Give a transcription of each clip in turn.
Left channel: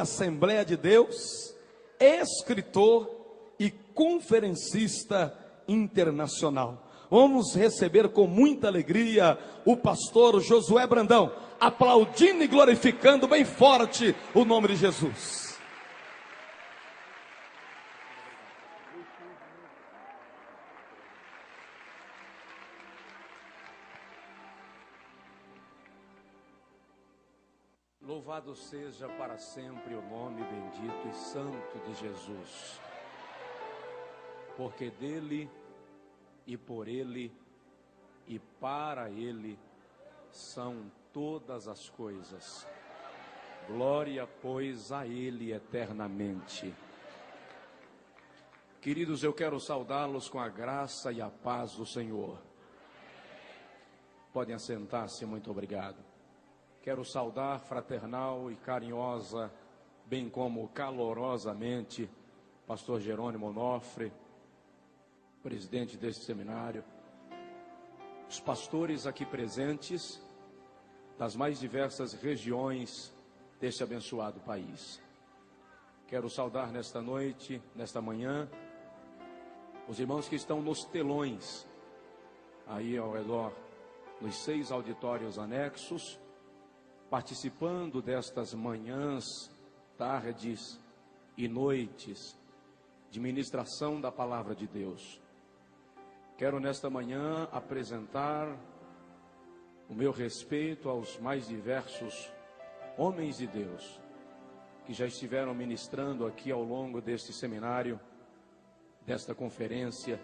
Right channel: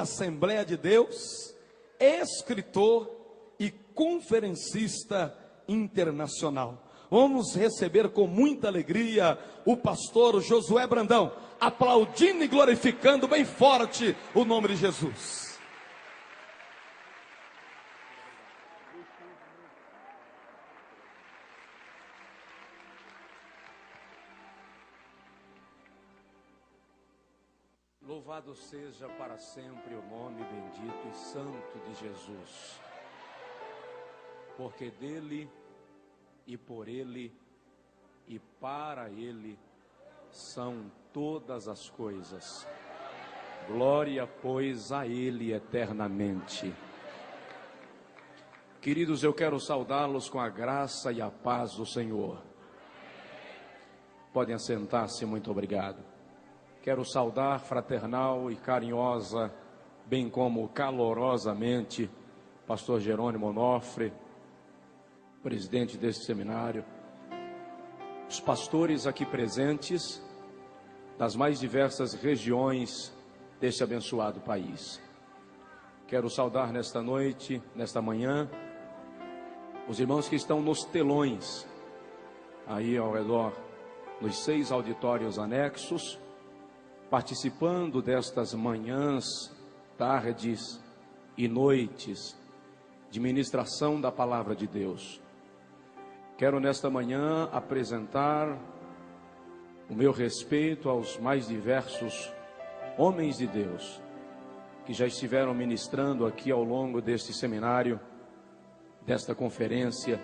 Assembleia de Deus, escritor e conferencista internacional. Vamos receber com muita alegria o pastor Josué Brandão, aplaudindo e glorificando bem forte o nome de Jesus. Louvado seja para sempre o nome bendito e santo de Jesus, porque dele e por ele e para ele são todas as coisas. Glória, pois, a ele eternamente. Queridos, eu quero saudá-los com a graça e a paz do Senhor. Podem assentar-se, muito obrigado. Quero saudar fraternal e carinhosa, bem como calorosamente, pastor Jerônimo Onofre, presidente deste seminário, os pastores aqui presentes, das mais diversas regiões deste abençoado país. Quero saudar nesta noite, nesta manhã, os irmãos que estão nos telões, aí ao redor, nos 6 auditórios anexos, participando destas manhãs, tardes e noites de ministração da palavra de Deus. Quero nesta manhã apresentar o meu respeito aos mais diversos homens de Deus que já estiveram ministrando aqui ao longo deste seminário, desta conferência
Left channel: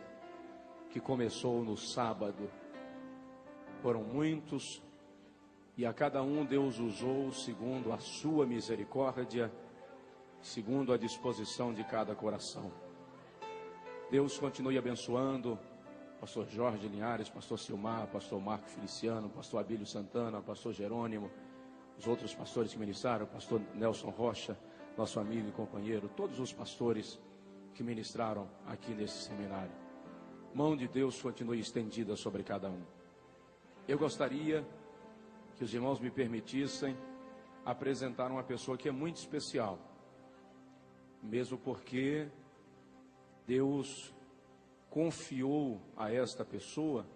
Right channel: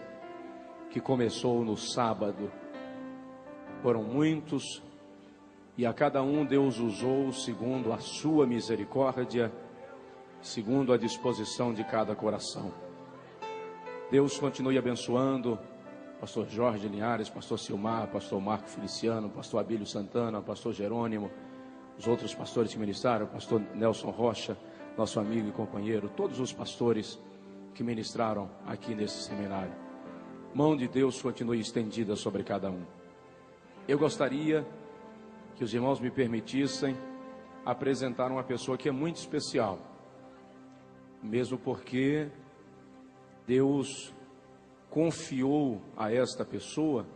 que começou no sábado. Foram muitos, e a cada um Deus usou segundo a sua misericórdia, segundo a disposição de cada coração. Deus continue abençoando pastor Jorge Linhares, pastor Silmar, pastor Marco Feliciano, pastor Abílio Santana, pastor Jerônimo, os outros pastores que ministraram, pastor Nelson Rocha, nosso amigo e companheiro, todos os pastores que ministraram aqui nesse seminário. Mão de Deus continue estendida sobre cada um. Eu gostaria que os irmãos me permitissem apresentar uma pessoa que é muito especial, mesmo porque Deus confiou a esta pessoa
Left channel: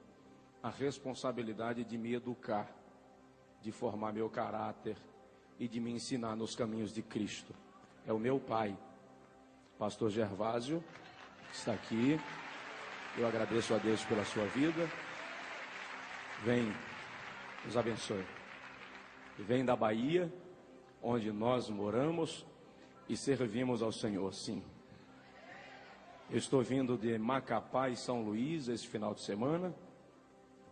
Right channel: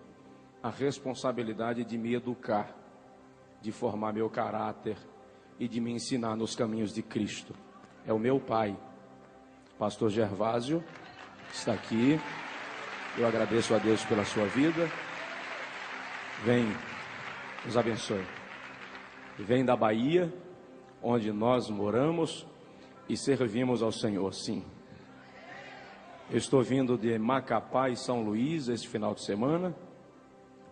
a responsabilidade de me educar, de formar meu caráter e de me ensinar nos caminhos de Cristo. É o meu pai, pastor Gervásio, está aqui. Eu agradeço a Deus pela sua vida. Vem, nos abençoe. Vem da Bahia, onde nós moramos e servimos ao Senhor, sim. Eu estou vindo de Macapá e São Luís esse final de semana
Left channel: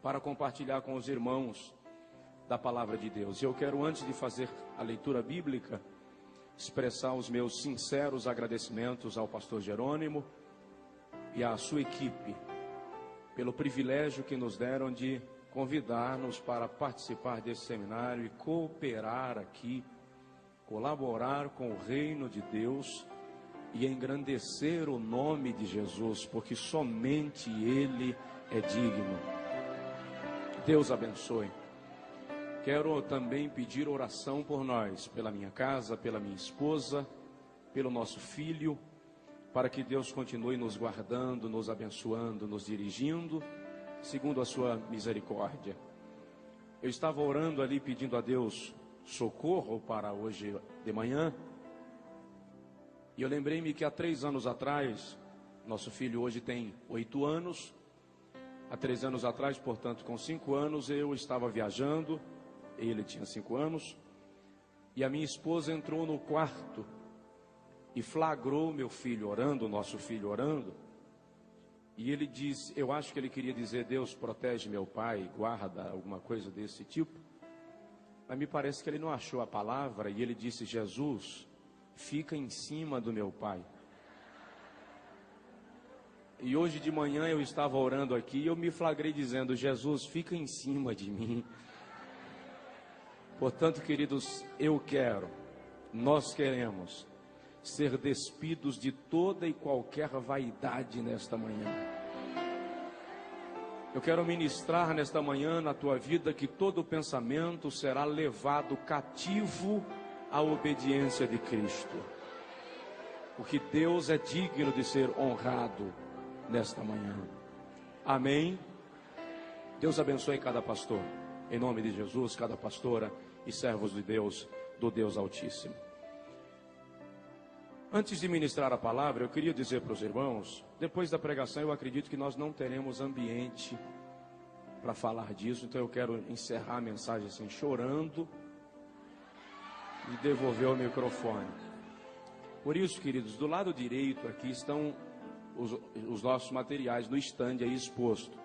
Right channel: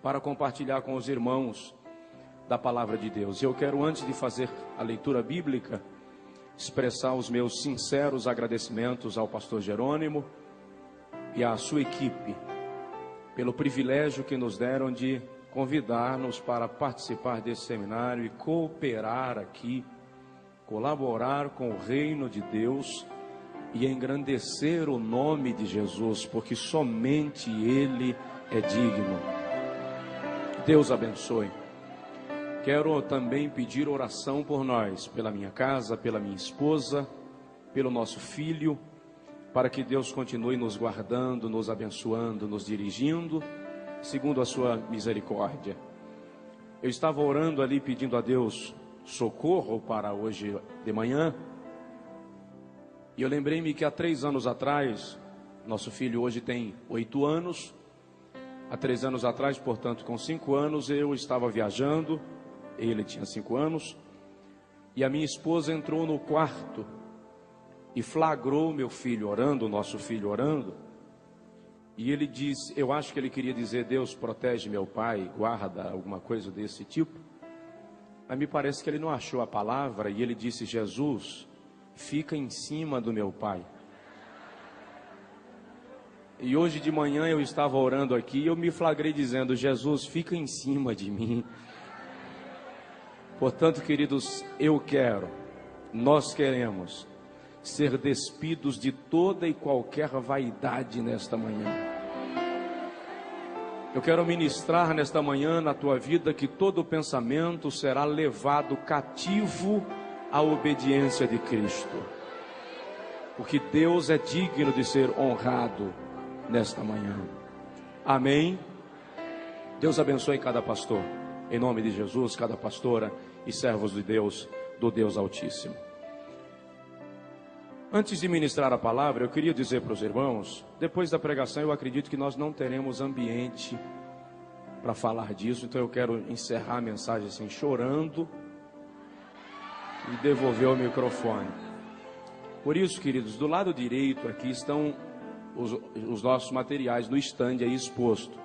para compartilhar com os irmãos da palavra de Deus. Eu quero, antes de fazer a leitura bíblica, expressar os meus sinceros agradecimentos ao pastor Jerônimo e à sua equipe pelo privilégio que nos deram de convidar-nos para participar desse seminário e cooperar aqui, colaborar com o reino de Deus e engrandecer o nome de Jesus, porque somente Ele é digno. Deus abençoe. Quero também pedir oração por nós, pela minha casa, pela minha esposa, pelo nosso filho, para que Deus continue nos guardando, nos abençoando, nos dirigindo, segundo a sua misericórdia. Eu estava orando ali, pedindo a Deus socorro para hoje de manhã, e eu lembrei-me que há 3 anos atrás, nosso filho hoje tem 8 anos, há 3 anos atrás, portanto com 5 anos, eu estava viajando, ele tinha 5 anos, e a minha esposa entrou no quarto e flagrou meu filho orando, nosso filho orando, e ele disse, eu acho que ele queria dizer, Deus protege meu pai, guarda, alguma coisa desse tipo, mas me parece que ele não achou a palavra, e ele disse, Jesus, fica em cima do meu pai. E hoje de manhã eu estava orando aqui, e eu me flagrei dizendo, Jesus, fica em cima de mim. Portanto, queridos, nós queremos ser despidos de toda e qualquer vaidade nesta manhã. Eu quero ministrar nesta manhã na tua vida que todo pensamento será levado cativo a obediência de Cristo. Porque Deus é digno de ser honrado nesta manhã. Amém? Deus abençoe cada pastor. Em nome de Jesus, cada pastora e servos de Deus, do Deus Altíssimo. Antes de ministrar a palavra, eu queria dizer para os irmãos, depois da pregação eu acredito que nós não teremos ambiente para falar disso, então eu quero encerrar a mensagem assim, chorando e devolver o microfone. Por isso, queridos, do lado direito aqui estão os nossos materiais no stand aí exposto.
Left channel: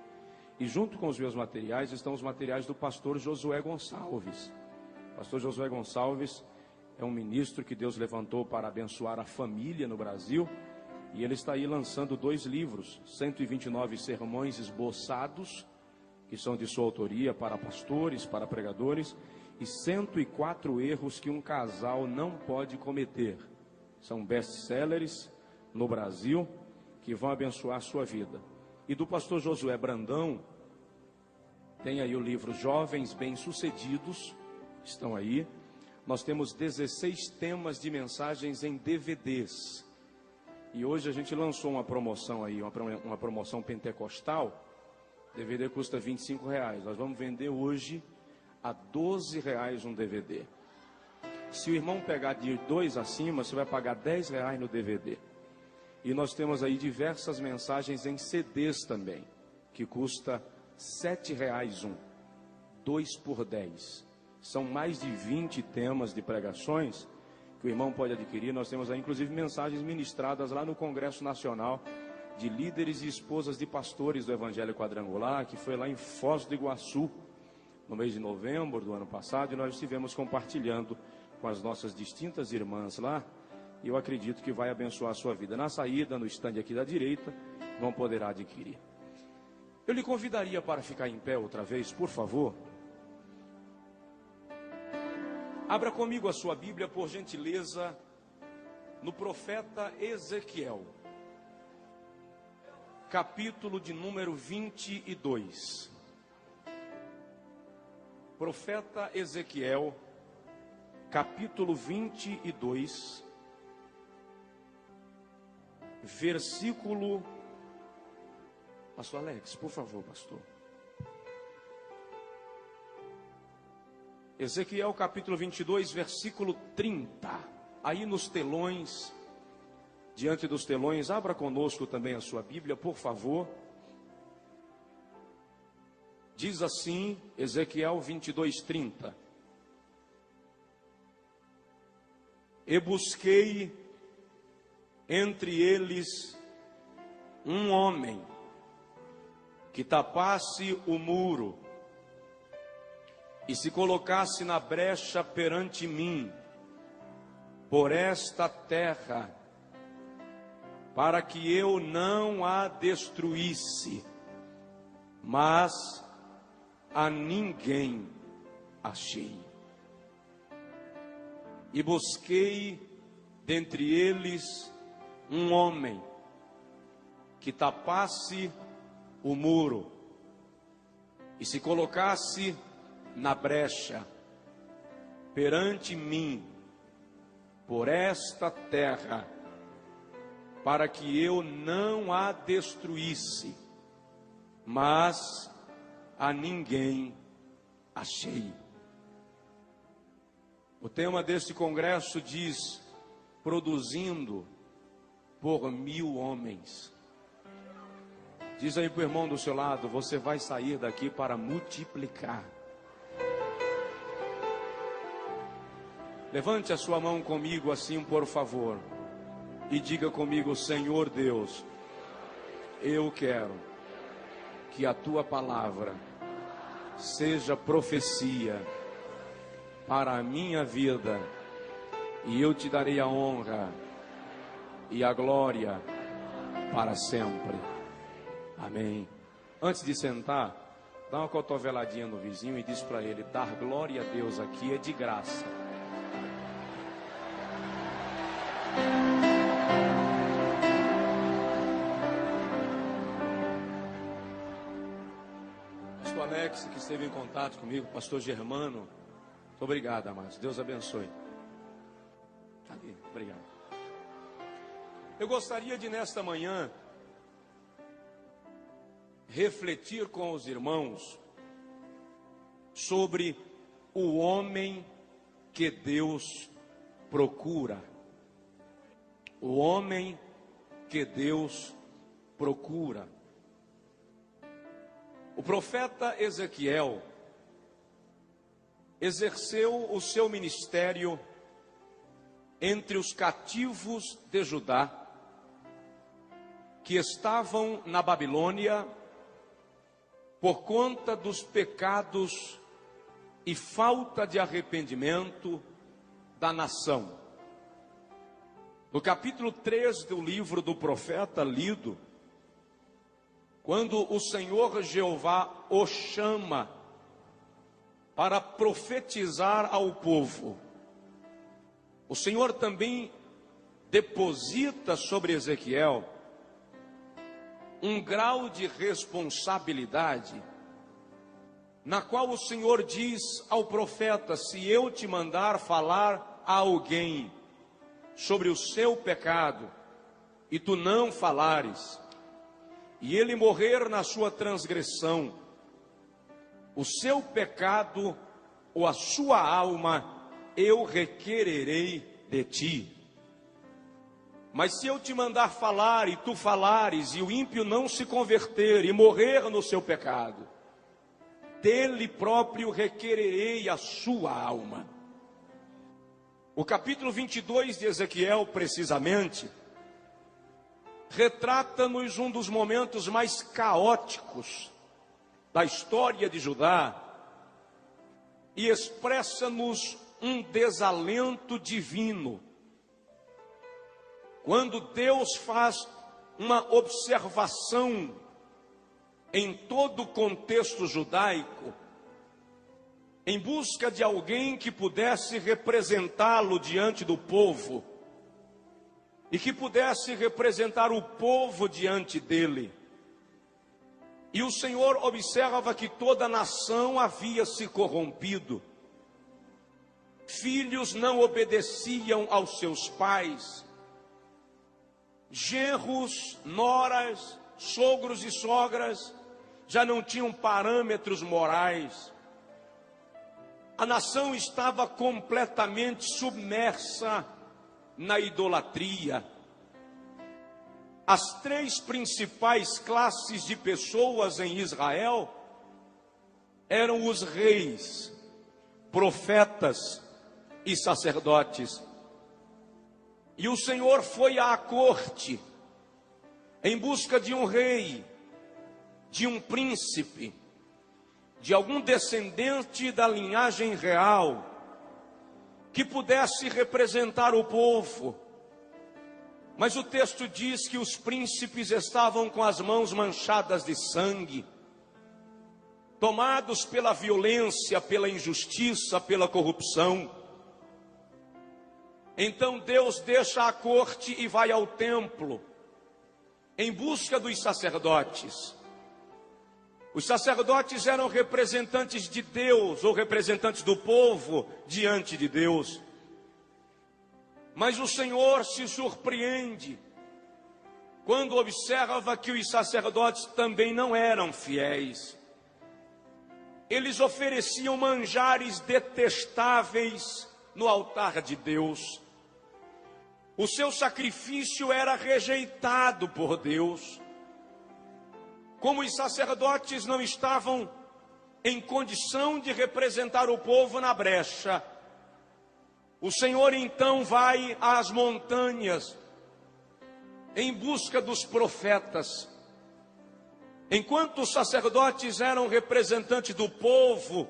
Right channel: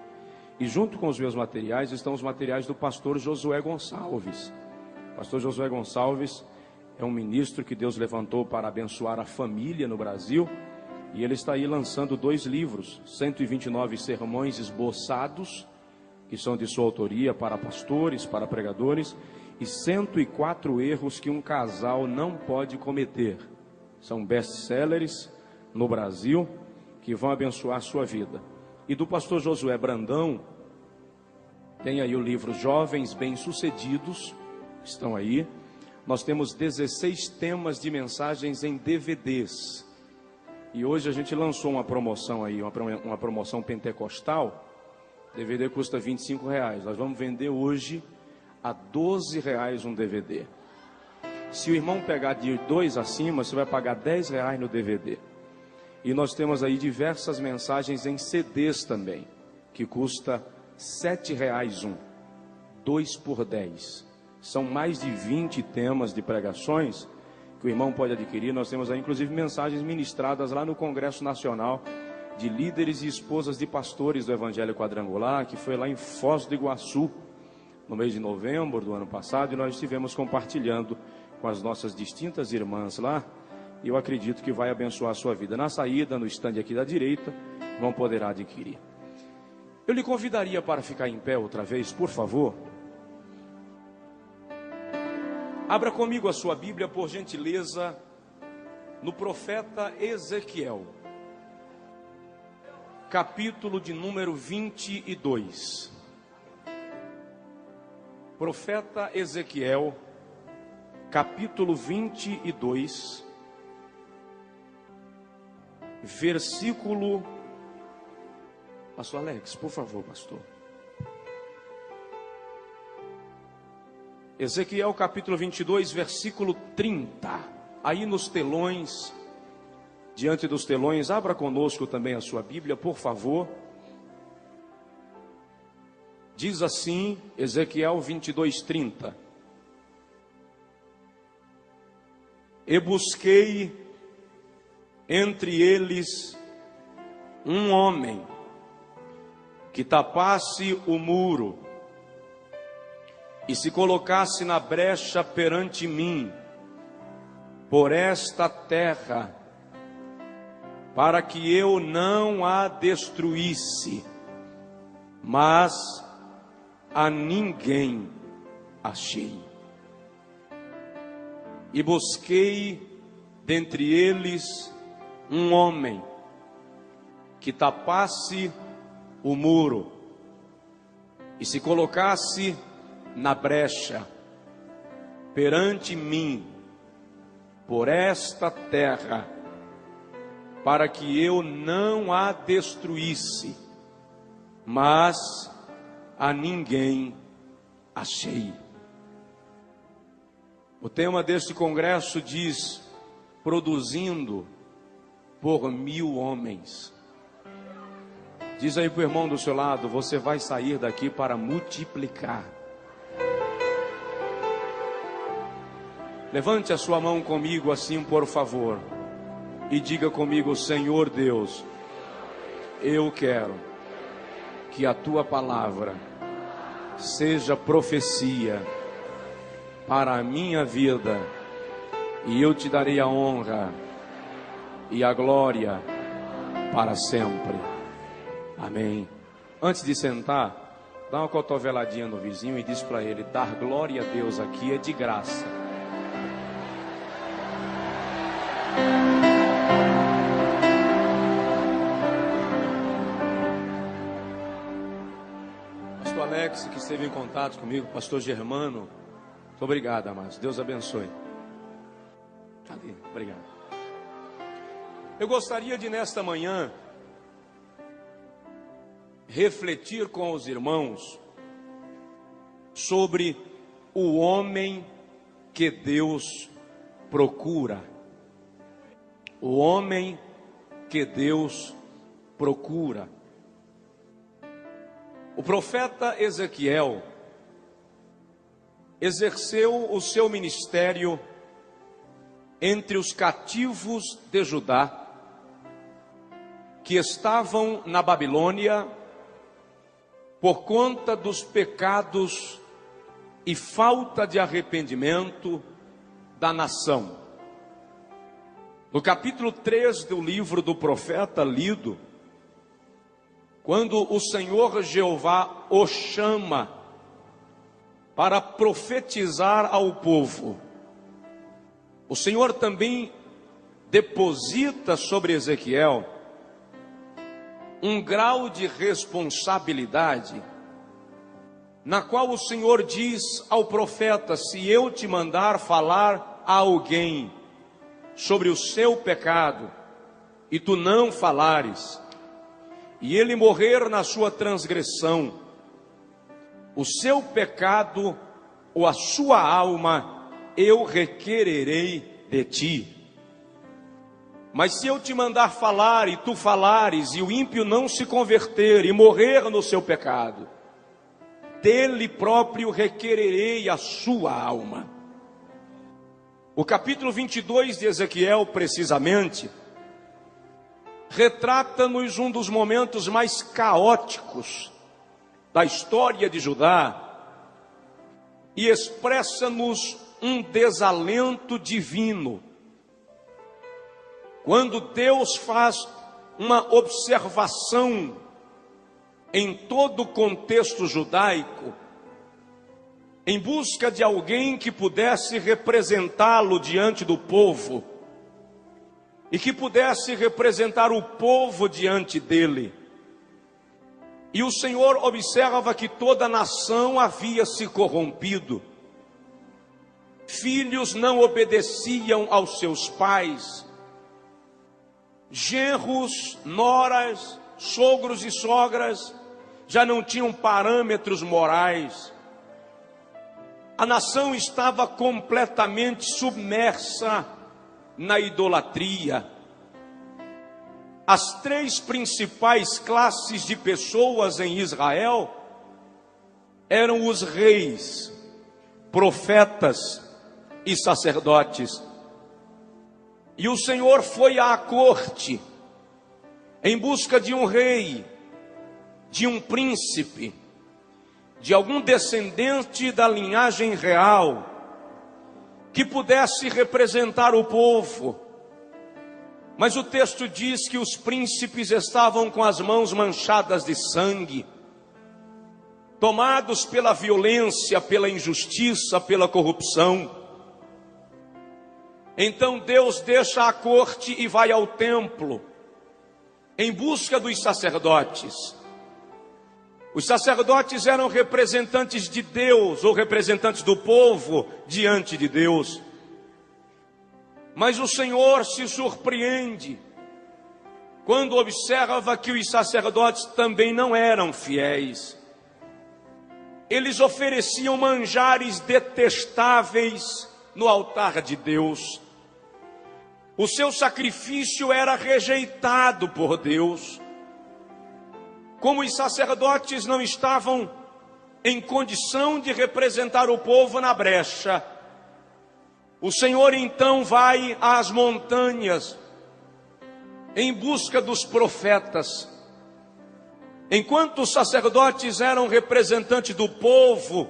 E junto com os meus materiais estão os materiais do pastor Josué Gonçalves. O pastor Josué Gonçalves é um ministro que Deus levantou para abençoar a família no Brasil. E ele está aí lançando 2 livros, 129 sermões esboçados, que são de sua autoria para pastores, para pregadores, e 104 erros que um casal não pode cometer. São best-sellers no Brasil, que vão abençoar a sua vida. E do pastor Josué Brandão, tem aí o livro Jovens Bem-Sucedidos, estão aí. Nós temos 16 temas de mensagens em DVDs. E hoje a gente lançou uma promoção aí, uma promoção pentecostal. DVD custa R$25. Nós vamos vender hoje a R$12 um DVD. Se o irmão pegar de 2 acima, você vai pagar R$10 no DVD. E nós temos aí diversas mensagens em CDs também, que custa R$7 um, 2 por 10. São mais de 20 temas de pregações que o irmão pode adquirir. Nós temos aí inclusive mensagens ministradas lá no Congresso Nacional de líderes e esposas de pastores do Evangelho Quadrangular, que foi lá em Foz do Iguaçu, no mês de novembro do ano passado, e nós estivemos compartilhando com as nossas distintas irmãs lá, e eu acredito que vai abençoar a sua vida. Na saída, no estande aqui da direita, vão poder adquirir. Eu lhe convidaria para ficar em pé outra vez, por favor. Abra comigo a sua Bíblia, por gentileza, no profeta Ezequiel, capítulo de número 22. Profeta Ezequiel, capítulo 22, versículo... Pastor Alex, por favor, pastor. Ezequiel capítulo 22, versículo 30. Aí nos telões, diante dos telões, abra conosco também a sua Bíblia, por favor. Diz assim, Ezequiel 22, 30. E busquei entre eles um homem que tapasse o muro e se colocasse na brecha perante mim, por esta terra, para que eu não a destruísse, mas a ninguém achei. E busquei dentre eles um homem que tapasse o muro e se colocasse na brecha perante mim, por esta terra, para que eu não a destruísse, mas a ninguém achei. O tema deste congresso diz: produzindo por 1000 homens. Diz aí para o irmão do seu lado: você vai sair daqui para multiplicar. Levante a sua mão comigo assim, por favor, e diga comigo: Senhor Deus, eu quero que a tua palavra seja profecia para a minha vida, e eu te darei a honra e a glória para sempre. Amém. Antes de sentar, dá uma cotoveladinha no vizinho e diz para ele: dar glória a Deus aqui é de graça. Pastor Alex, que esteve em contato comigo, pastor Germano, muito obrigado, amados. Deus abençoe. Obrigado. Eu gostaria de, nesta manhã, refletir com os irmãos sobre o homem que Deus procura. O homem que Deus procura. O profeta Ezequiel exerceu o seu ministério entre os cativos de Judá, que estavam na Babilônia por conta dos pecados e falta de arrependimento da nação. No capítulo 3 do livro do profeta lido, quando o Senhor Jeová o chama para profetizar ao povo, o Senhor também deposita sobre Ezequiel um grau de responsabilidade, na qual o Senhor diz ao profeta: se eu te mandar falar a alguém sobre o seu pecado, e tu não falares, e ele morrer na sua transgressão, o seu pecado ou a sua alma eu requererei de ti. Mas se eu te mandar falar e tu falares, e o ímpio não se converter e morrer no seu pecado, dele próprio requererei a sua alma. O capítulo 22 de Ezequiel, precisamente, retrata-nos um dos momentos mais caóticos da história de Judá e expressa-nos um desalento divino. Quando Deus faz uma observação em todo o contexto judaico, em busca de alguém que pudesse representá-lo diante do povo, e que pudesse representar o povo diante dele. E o Senhor observa que toda a nação havia se corrompido. Filhos não obedeciam aos seus pais. Genros, noras, sogros e sogras já não tinham parâmetros morais. A nação estava completamente submersa na idolatria. As três principais classes de pessoas em Israel eram os reis, profetas e sacerdotes. E o Senhor foi à corte em busca de um rei, de um príncipe, de algum descendente da linhagem real, que pudesse representar o povo. Mas o texto diz que os príncipes estavam com as mãos manchadas de sangue, tomados pela violência, pela injustiça, pela corrupção. Então Deus deixa a corte e vai ao templo, em busca dos sacerdotes. Os sacerdotes eram representantes de Deus, ou representantes do povo diante de Deus. Mas o Senhor se surpreende quando observa que os sacerdotes também não eram fiéis. Eles ofereciam manjares detestáveis no altar de Deus. O seu sacrifício era rejeitado por Deus. Como os sacerdotes não estavam em condição de representar o povo na brecha, o Senhor então vai às montanhas em busca dos profetas. Enquanto os sacerdotes eram representantes do povo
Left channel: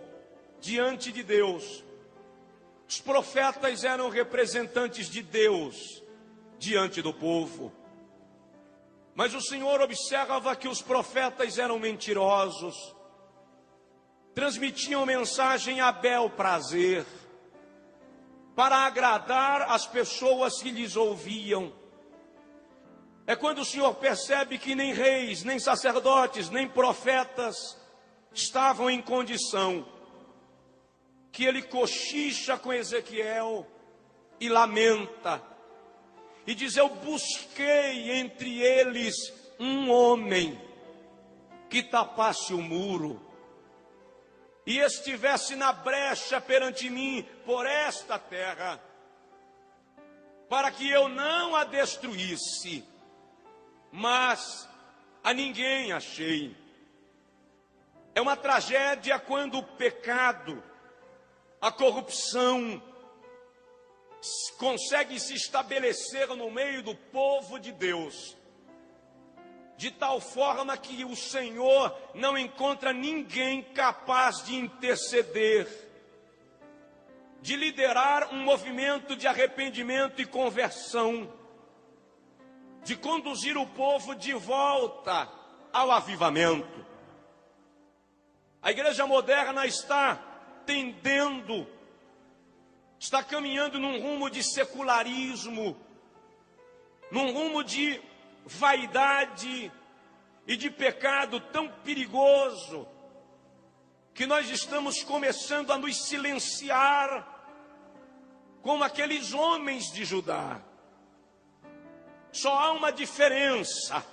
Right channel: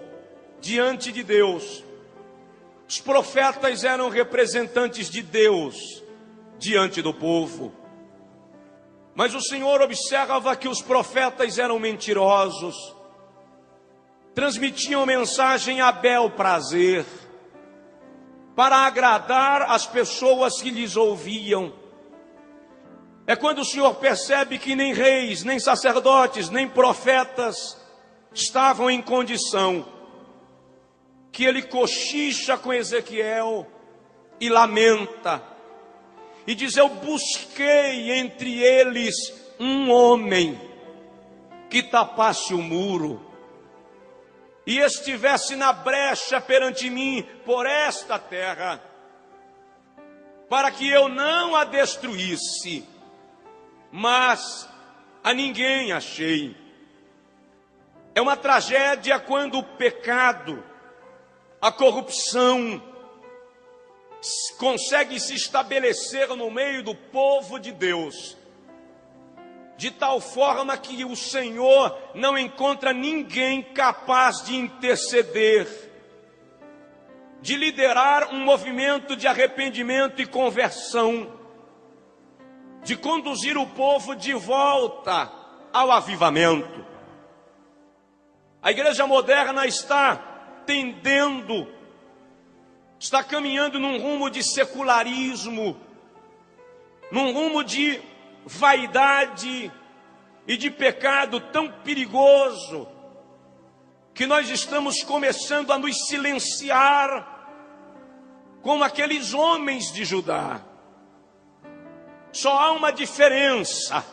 diante de Deus, os profetas eram representantes de Deus diante do povo. Mas o Senhor observa que os profetas eram mentirosos, transmitiam mensagem a bel prazer, para agradar as pessoas que lhes ouviam. É quando o Senhor percebe que nem reis, nem sacerdotes, nem profetas estavam em condição, que ele cochicha com Ezequiel e lamenta e diz: eu busquei entre eles um homem que tapasse o muro e estivesse na brecha perante mim por esta terra, para que eu não a destruísse, mas a ninguém achei. É uma tragédia quando o pecado, a corrupção, consegue se estabelecer no meio do povo de Deus, de tal forma que o Senhor não encontra ninguém capaz de interceder, de liderar um movimento de arrependimento e conversão, de conduzir o povo de volta ao avivamento. A igreja moderna está tendendo, está caminhando num rumo de secularismo, num rumo de vaidade e de pecado tão perigoso, que nós estamos começando a nos silenciar como aqueles homens de Judá. Só há uma diferença,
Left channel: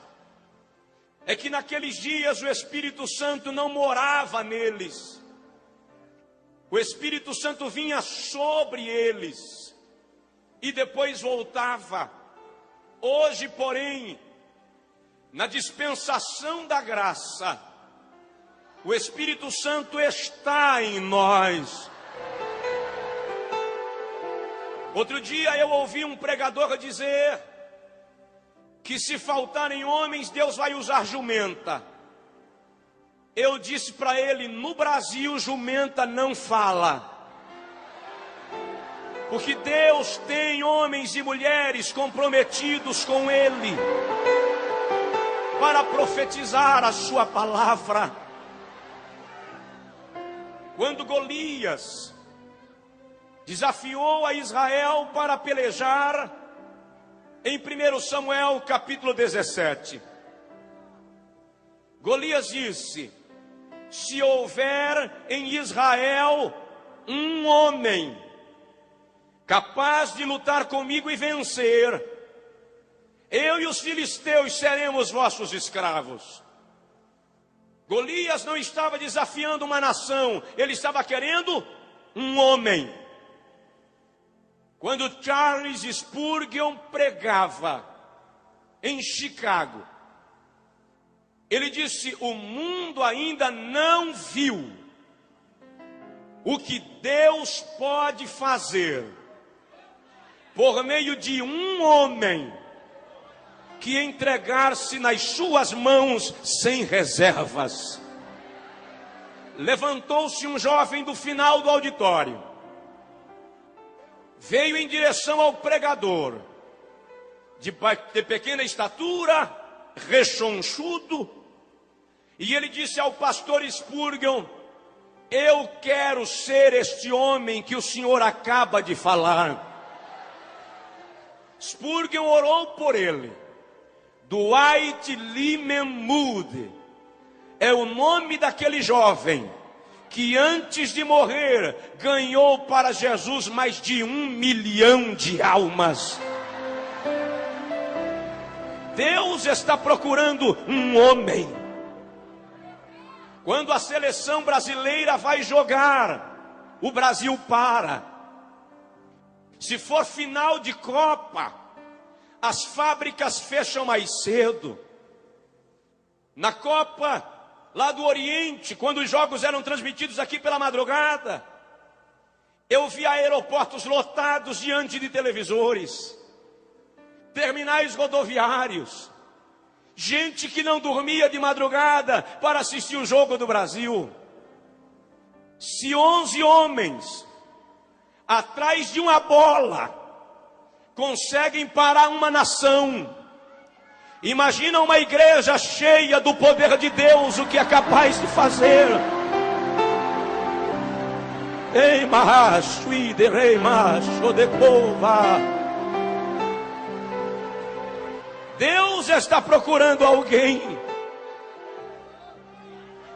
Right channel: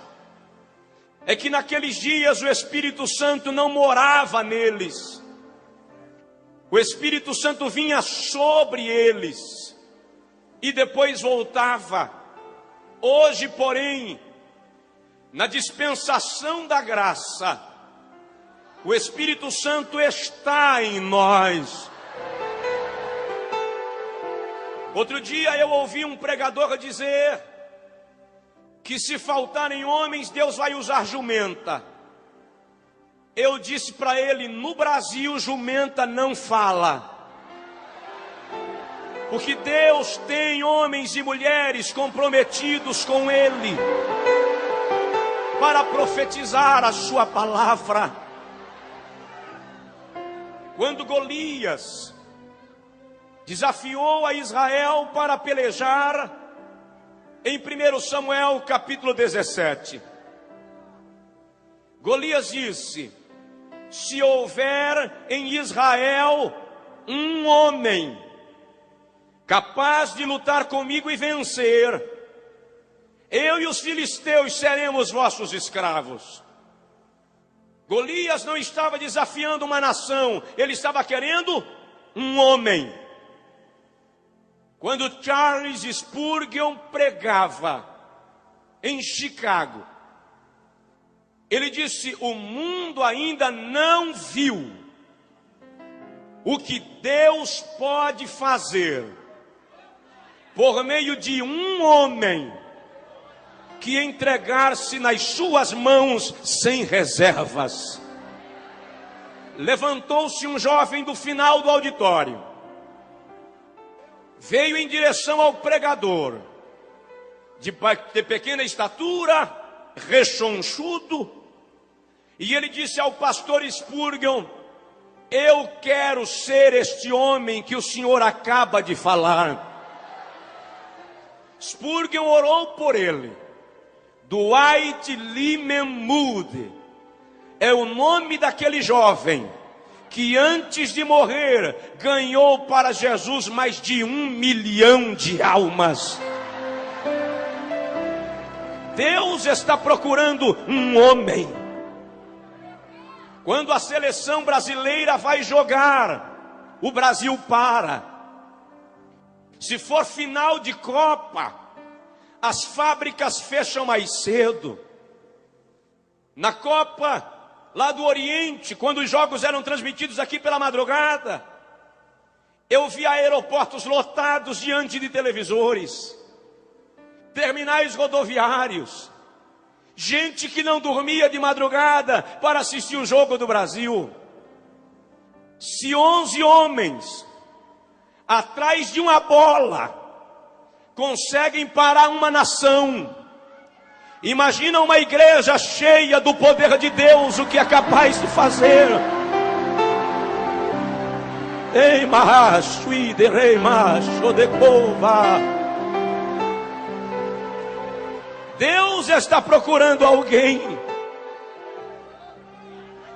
é que naqueles dias o Espírito Santo não morava neles, o Espírito Santo vinha sobre eles e depois voltava. Hoje, porém, na dispensação da graça, o Espírito Santo está em nós. Outro dia eu ouvi um pregador dizer que se faltarem homens, Deus vai usar jumenta. Eu disse para ele: no Brasil, jumenta não fala, porque Deus tem homens e mulheres comprometidos com Ele, para profetizar a sua palavra. Quando Golias desafiou a Israel para pelejar, em 1 Samuel capítulo 17, Golias disse: se houver em Israel um homem capaz de lutar comigo e vencer, eu e os filisteus seremos vossos escravos. Golias não estava desafiando uma nação, ele estava querendo um homem. Quando Charles Spurgeon pregava em Chicago, ele disse: o mundo ainda não viu o que Deus pode fazer por meio de um homem que entregar-se nas suas mãos sem reservas. Levantou-se um jovem do final do auditório, veio em direção ao pregador, de pequena estatura, rechonchudo, e ele disse ao pastor Spurgeon: eu quero ser este homem que o senhor acaba de falar. Spurgeon orou por ele. Dwight Lyman Moody é o nome daquele jovem que antes de morrer ganhou para Jesus mais de 1 milhão de almas. Deus está procurando um homem. Quando a seleção brasileira vai jogar, o Brasil para. Se for final de Copa, as fábricas fecham mais cedo. Na Copa lá do Oriente, quando os jogos eram transmitidos aqui pela madrugada, eu vi aeroportos lotados diante de televisores, terminais rodoviários, gente que não dormia de madrugada para assistir o jogo do Brasil. Se 11 homens atrás de uma bola conseguem parar uma nação, imagina uma igreja cheia do poder de Deus, o que é capaz de fazer. Ei, macho, rei macho de cova. Deus está procurando alguém.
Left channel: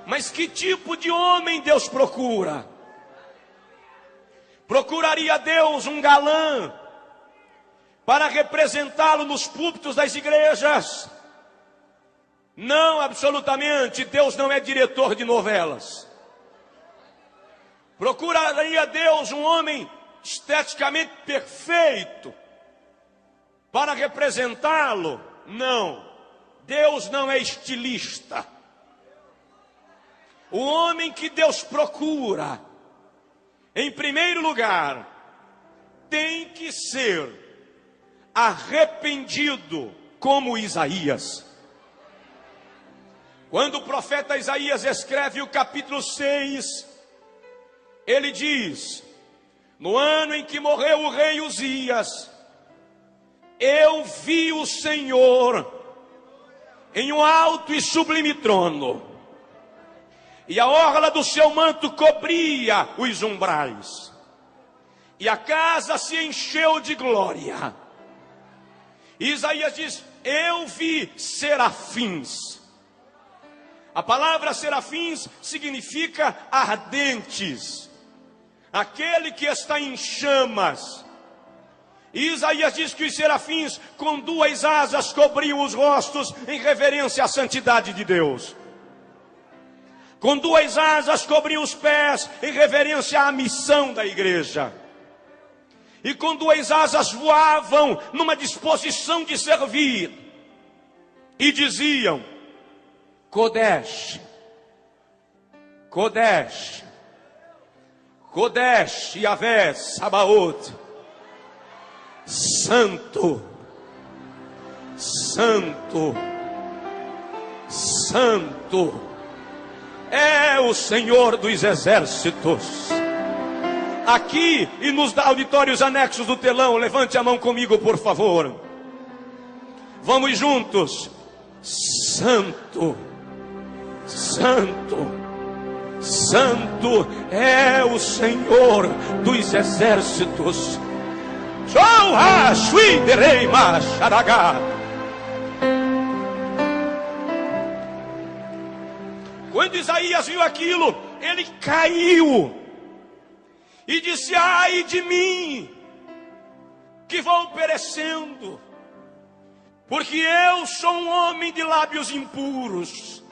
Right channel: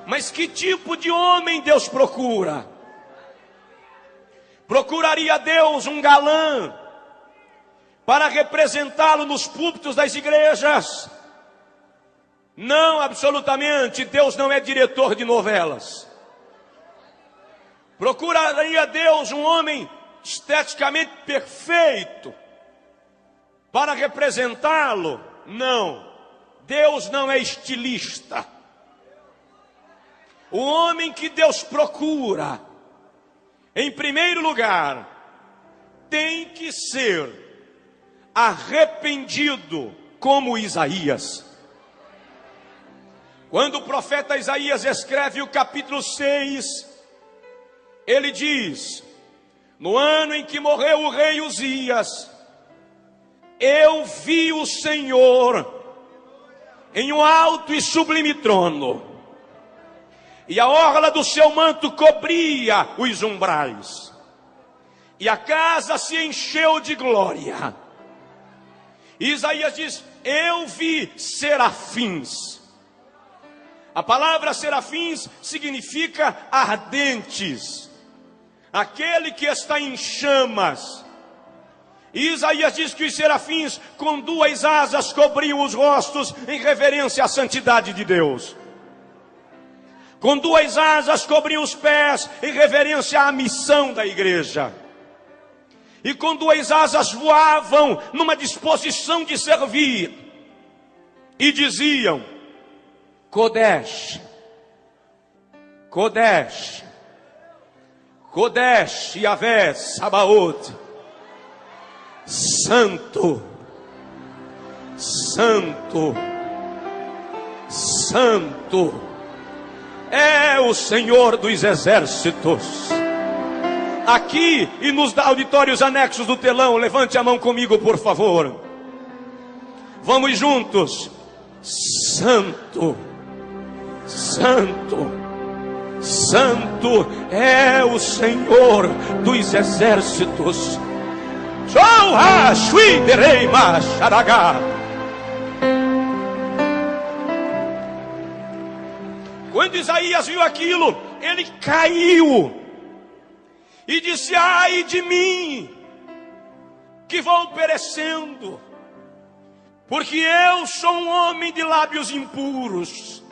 Mas que tipo de homem Deus procura? Procuraria Deus um galã para representá-lo nos púlpitos das igrejas. Não, absolutamente, Deus não é diretor de novelas. Procuraria Deus um homem esteticamente perfeito para representá-lo? Não, Deus não é estilista. O homem que Deus procura, em primeiro lugar, tem que ser arrependido como Isaías. Quando o profeta Isaías escreve o capítulo 6, ele diz: no ano em que morreu o rei Uzias, eu vi o Senhor em um alto e sublime trono, e a orla do seu manto cobria os umbrais, e a casa se encheu de glória. E Isaías diz: eu vi serafins. A palavra serafins significa ardentes, aquele que está em chamas. E Isaías diz que os serafins com duas asas cobriam os rostos em reverência à santidade de Deus. Com duas asas cobriam os pés em reverência à missão da igreja. E com duas asas voavam numa disposição de servir. E diziam: Kodesh, Kodesh, Kodesh, Yahvé, Sabaoth, Santo, Santo, Santo, é o Senhor dos exércitos. Aqui e nos auditórios anexos do telão, levante a mão comigo, por favor. Vamos juntos. Santo, Santo, Santo é o Senhor dos exércitos. Quando Isaías viu aquilo, ele caiu e disse: ai de mim, que vou perecendo, porque eu sou um homem de lábios impuros,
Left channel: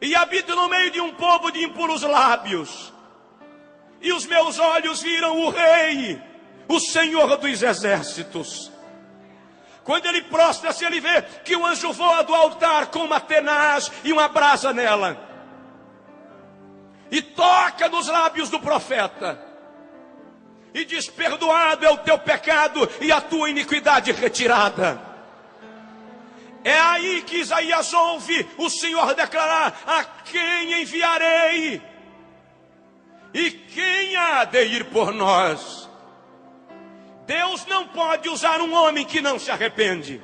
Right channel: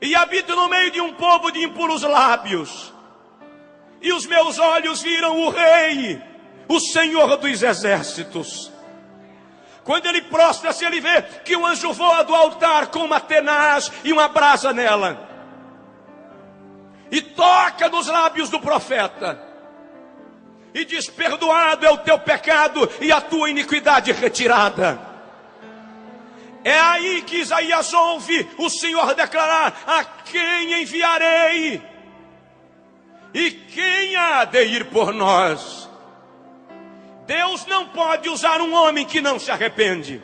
e habito no meio de um povo de impuros lábios, e os meus olhos viram o Rei, o Senhor dos exércitos. Quando ele prostra-se, ele vê que o anjo voa do altar com uma tenaz e uma brasa nela, e toca nos lábios do profeta, e diz: perdoado é o teu pecado e a tua iniquidade retirada. É aí que Isaías ouve o Senhor declarar: a quem enviarei? E quem há de ir por nós? Deus não pode usar um homem que não se arrepende.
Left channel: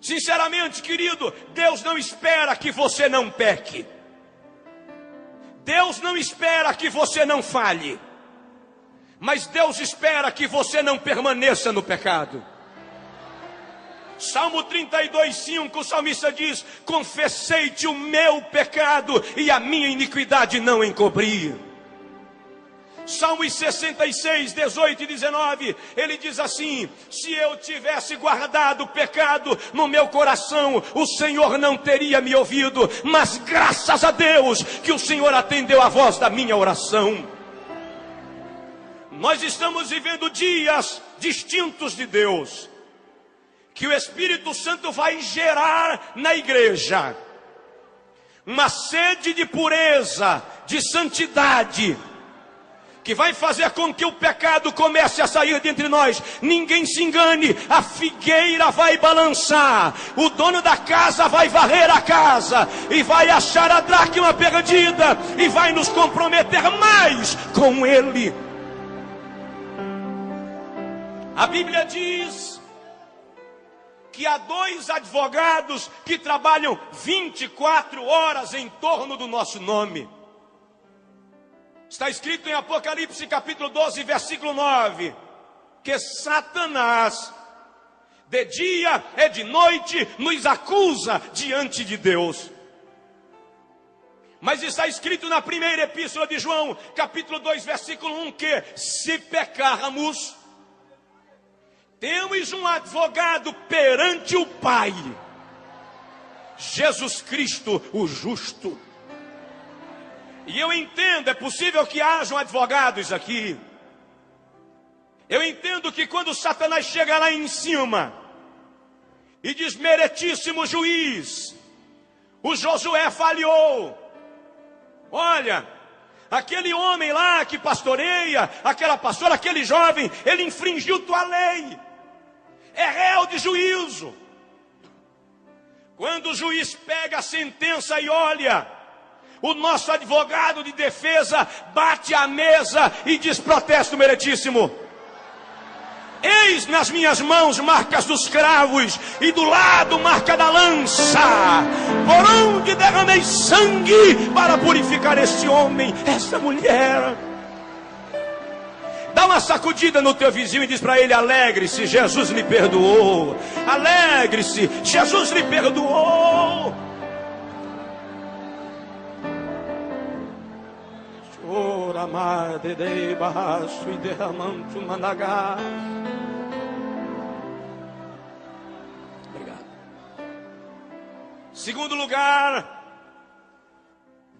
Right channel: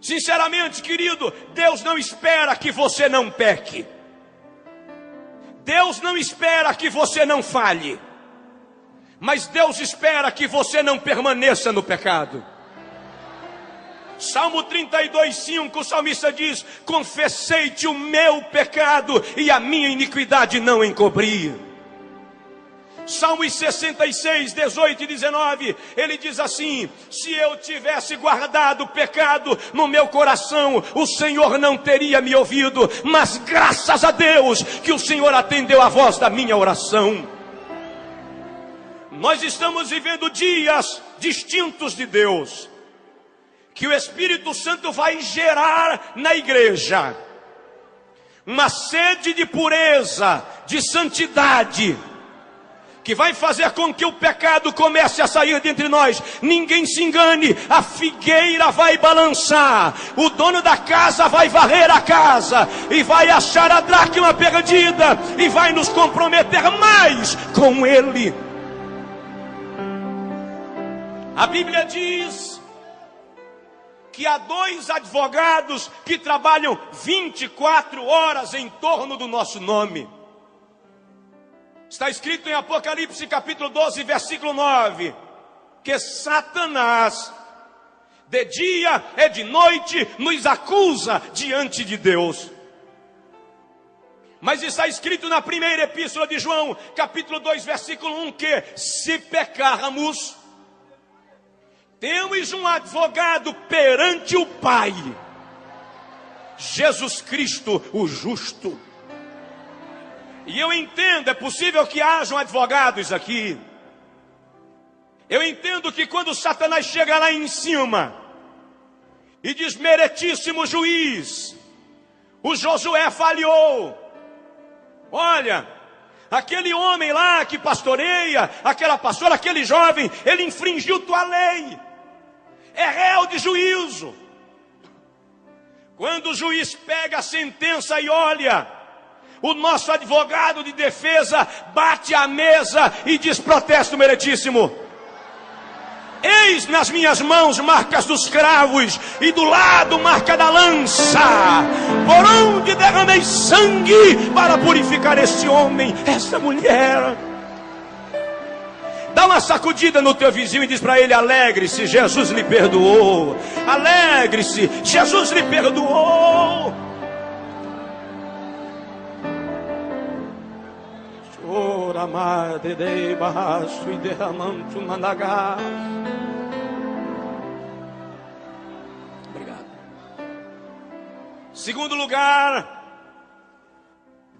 Sinceramente, querido, Deus não espera que você não peque. Deus não espera que você não falhe. Mas Deus espera que você não permaneça no pecado. Salmo 32:5, o salmista diz: confessei-te o meu pecado e a minha iniquidade não encobri. Salmos 66, 18 e 19, ele diz assim: se eu tivesse guardado o pecado no meu coração, o Senhor não teria me ouvido, mas graças a Deus que o Senhor atendeu a voz da minha oração. Nós estamos vivendo dias distintos de Deus, que o Espírito Santo vai gerar na igreja uma sede de pureza, de santidade, que vai fazer com que o pecado comece a sair de entre nós. Ninguém se engane, a figueira vai balançar, o dono da casa vai varrer a casa, e vai achar a dracma perdida, e vai nos comprometer mais com ele. A Bíblia diz que há 2 advogados que trabalham 24 horas em torno do nosso nome. Está escrito em Apocalipse capítulo 12, versículo 9, que Satanás, de dia e de noite, nos acusa diante de Deus. Mas está escrito na primeira epístola de João, capítulo 2, versículo 1, que se pecarmos, Temos um advogado perante o Pai, Jesus Cristo, o justo. E eu entendo, é possível que hajam advogados aqui. Eu entendo que quando Satanás chega lá em cima e diz: meritíssimo juiz, o Josué falhou. Olha, aquele homem lá que pastoreia, aquela pastora, aquele jovem, ele infringiu tua lei. É réu de juízo. Quando o juiz pega a sentença e olha, o nosso advogado de defesa bate a mesa e diz: protesto meritíssimo. Eis nas minhas mãos marcas dos cravos e do lado marca da lança, por onde derramei sangue para purificar este homem, essa mulher. Dá uma sacudida no teu vizinho e diz para ele: alegre-se, Jesus lhe perdoou. Alegre-se, Jesus lhe perdoou. Ora, madre dei barraço e derramando managá. Obrigado. Segundo lugar,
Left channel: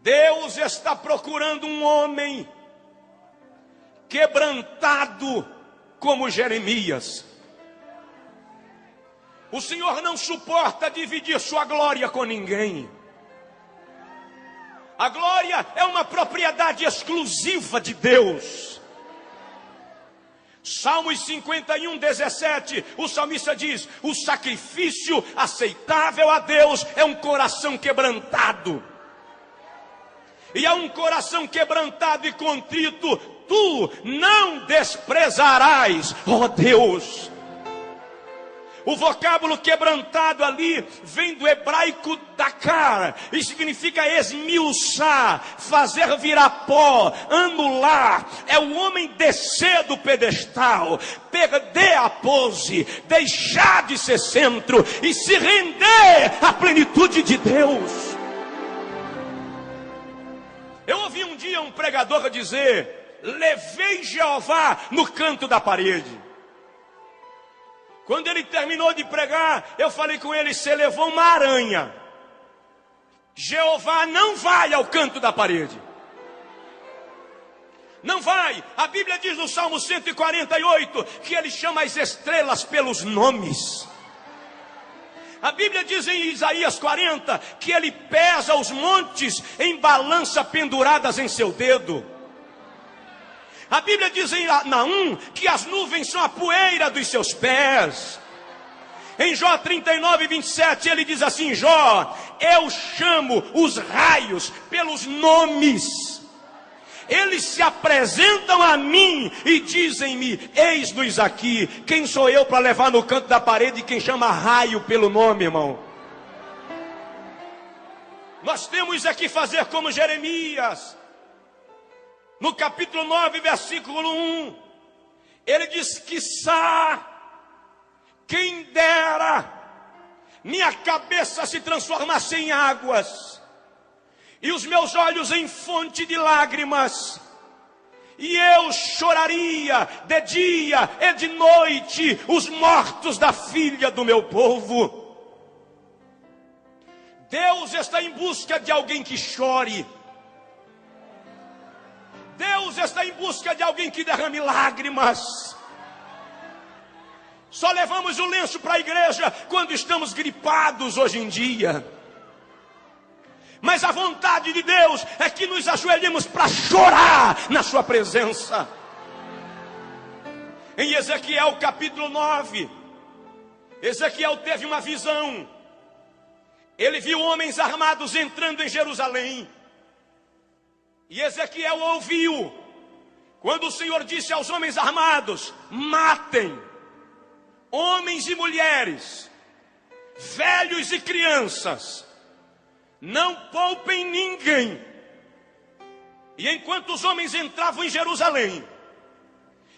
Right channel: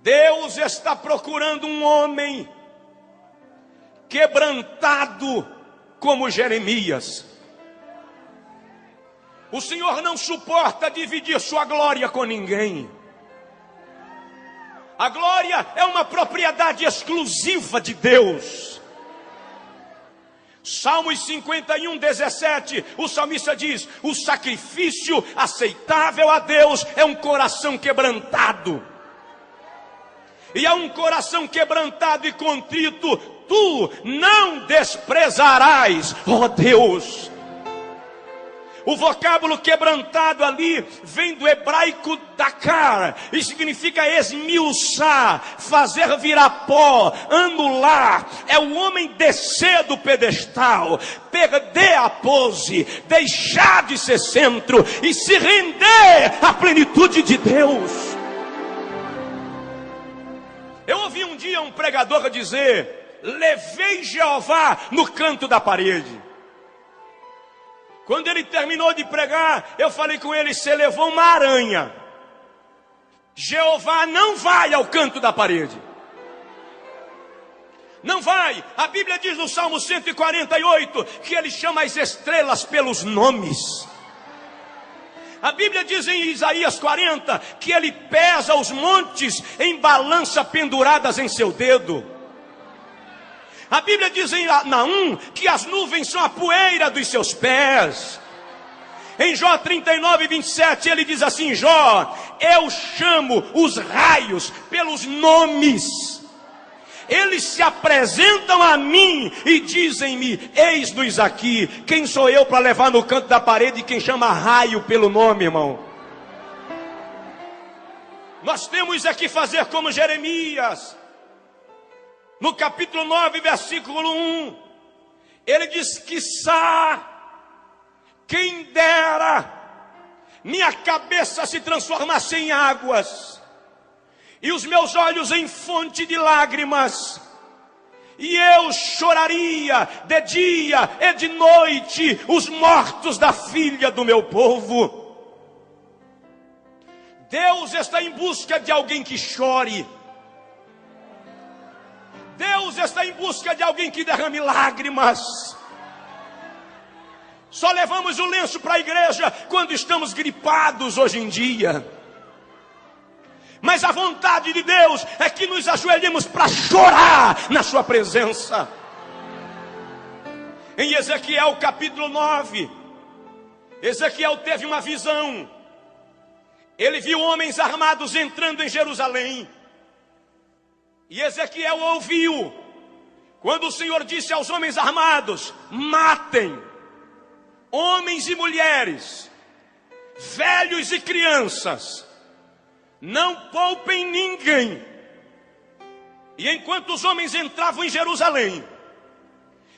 Deus está procurando um homem quebrantado como Jeremias. O Senhor não suporta dividir sua glória com ninguém. A glória é uma propriedade exclusiva de Deus. Salmos 51, 17, o salmista diz: o sacrifício aceitável a Deus é um coração quebrantado. E a um coração quebrantado e contrito, tu não desprezarás, ó Deus. O vocábulo quebrantado ali vem do hebraico dakar, e significa esmiuçar, fazer virar pó, anular. É o homem descer do pedestal, perder a pose, deixar de ser centro e se render à plenitude de Deus. Eu ouvi um dia um pregador dizer: levei Jeová no canto da parede. Quando ele terminou de pregar, eu falei com ele: você levou uma aranha. Jeová não vai ao canto da parede. Não vai. A Bíblia diz no Salmo 148 que ele chama as estrelas pelos nomes. A Bíblia diz em Isaías 40 que ele pesa os montes em balança penduradas em seu dedo. A Bíblia diz em Naum que as nuvens são a poeira dos seus pés. Em Jó 39, 27, ele diz assim: Jó, eu chamo os raios pelos nomes. Eles se apresentam a mim e dizem-me: eis-nos aqui. Quem sou eu para levar no canto da parede quem chama raio pelo nome, irmão? Nós temos aqui fazer como Jeremias. No capítulo 9, versículo 1, ele diz: quiçá, quem dera, minha cabeça se transformasse em águas, e os meus olhos em fonte de lágrimas, e eu choraria de dia e de noite os mortos da filha do meu povo. Deus está em busca de alguém que chore. Deus está em busca de alguém que derrame lágrimas. Só levamos o lenço para a igreja quando estamos gripados hoje em dia. Mas a vontade de Deus é que nos ajoelhemos para chorar na sua presença. Em Ezequiel capítulo 9, Ezequiel teve uma visão. Ele viu homens armados entrando em Jerusalém. E Ezequiel ouviu quando o Senhor disse aos homens armados: matem homens e mulheres, velhos e crianças, não poupem ninguém. E enquanto os homens entravam em Jerusalém,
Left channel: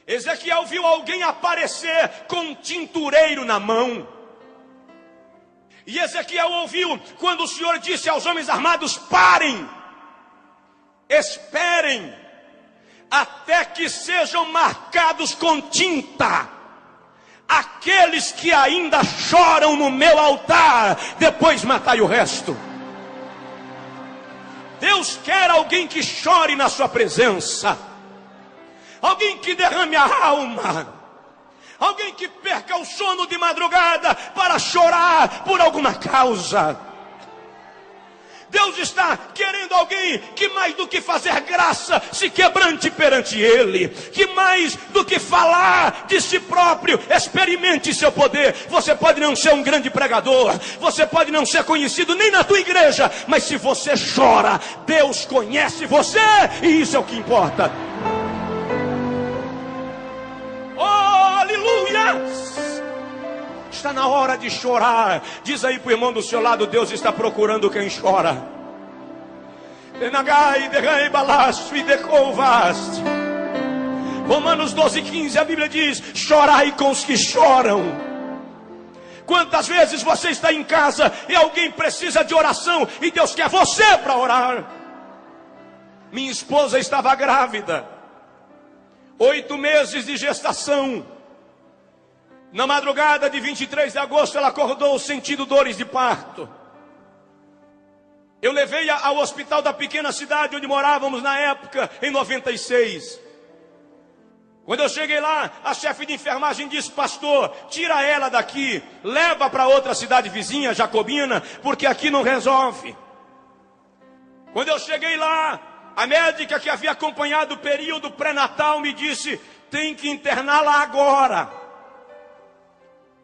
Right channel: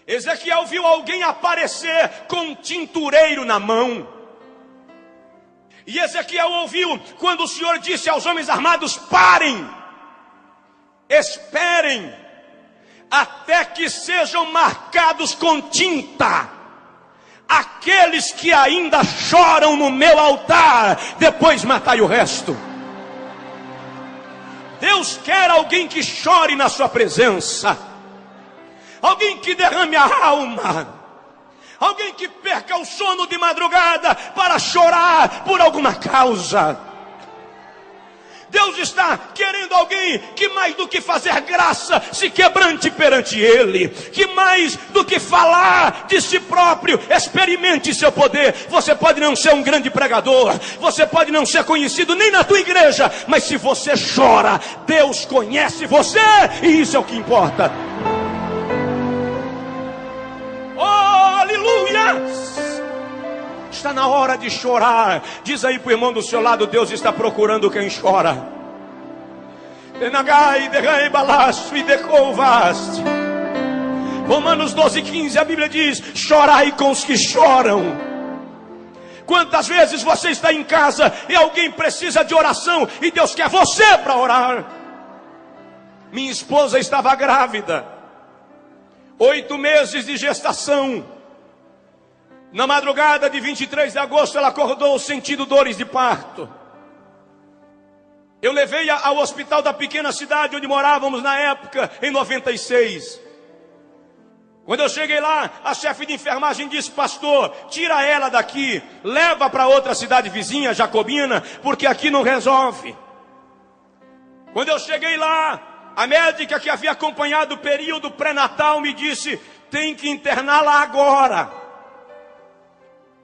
Ezequiel viu alguém aparecer com um tintureiro na mão. E Ezequiel ouviu quando o Senhor disse aos homens armados: parem, esperem, até que sejam marcados com tinta aqueles que ainda choram no meu altar, depois matai o resto. Deus quer alguém que chore na sua presença, alguém que derrame a alma, alguém que perca o sono de madrugada para chorar por alguma causa. Deus está querendo alguém que mais do que fazer graça, se quebrante perante Ele, que mais do que falar de si próprio, experimente seu poder. Você pode não ser um grande pregador, você pode não ser conhecido nem na tua igreja, mas se você chora, Deus conhece você, e isso é o que importa. Oh, aleluia! Está na hora de chorar. Diz aí para o irmão do seu lado: Deus está procurando quem chora. Romanos 12:15, a Bíblia diz: chorai com os que choram. Quantas vezes você está em casa e alguém precisa de oração e Deus quer você para orar? Minha esposa estava grávida, 8 meses de gestação. Na madrugada de 23 de agosto, ela acordou sentindo dores de parto. Eu levei-a ao hospital da pequena cidade onde morávamos na época, em 96. Quando eu cheguei lá, a chefe de enfermagem disse: pastor, tira ela daqui, leva para outra cidade vizinha, Jacobina, porque aqui não resolve. Quando eu cheguei lá, a médica que havia acompanhado o período pré-natal me disse: tem que interná-la agora.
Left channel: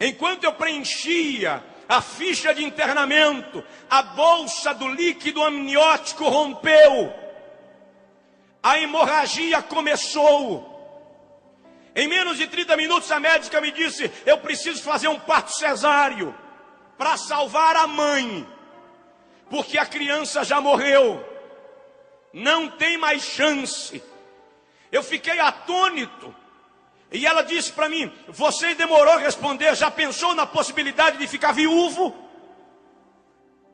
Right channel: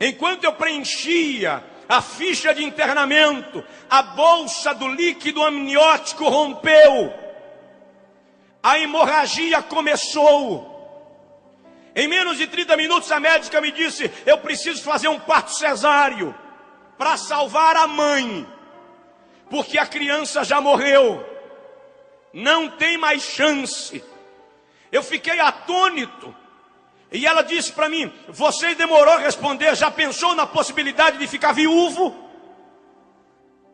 Enquanto eu preenchia a ficha de internamento, a bolsa do líquido amniótico rompeu. A hemorragia começou. Em menos de 30 minutos a médica me disse: eu preciso fazer um parto cesáreo para salvar a mãe, porque a criança já morreu. Não tem mais chance. Eu fiquei atônito. E ela disse para mim: você demorou a responder, já pensou na possibilidade de ficar viúvo?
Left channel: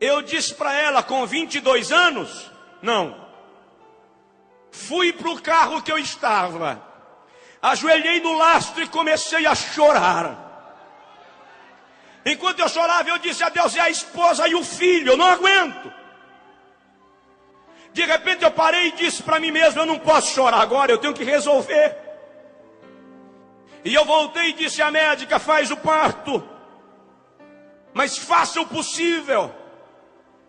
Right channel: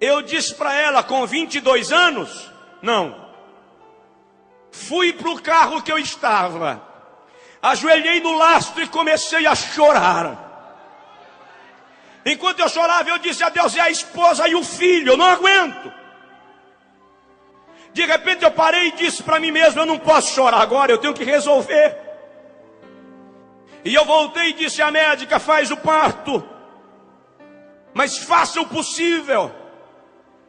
Eu disse para ela, com 22 anos, não. Fui para o carro que eu estava, ajoelhei no lastro e comecei a chorar. Enquanto eu chorava, eu disse a Deus: é a esposa e o filho, eu não aguento. De repente eu parei e disse para mim mesmo: eu não posso chorar agora, eu tenho que resolver. E eu voltei e disse à médica: faz o parto, mas faça o possível.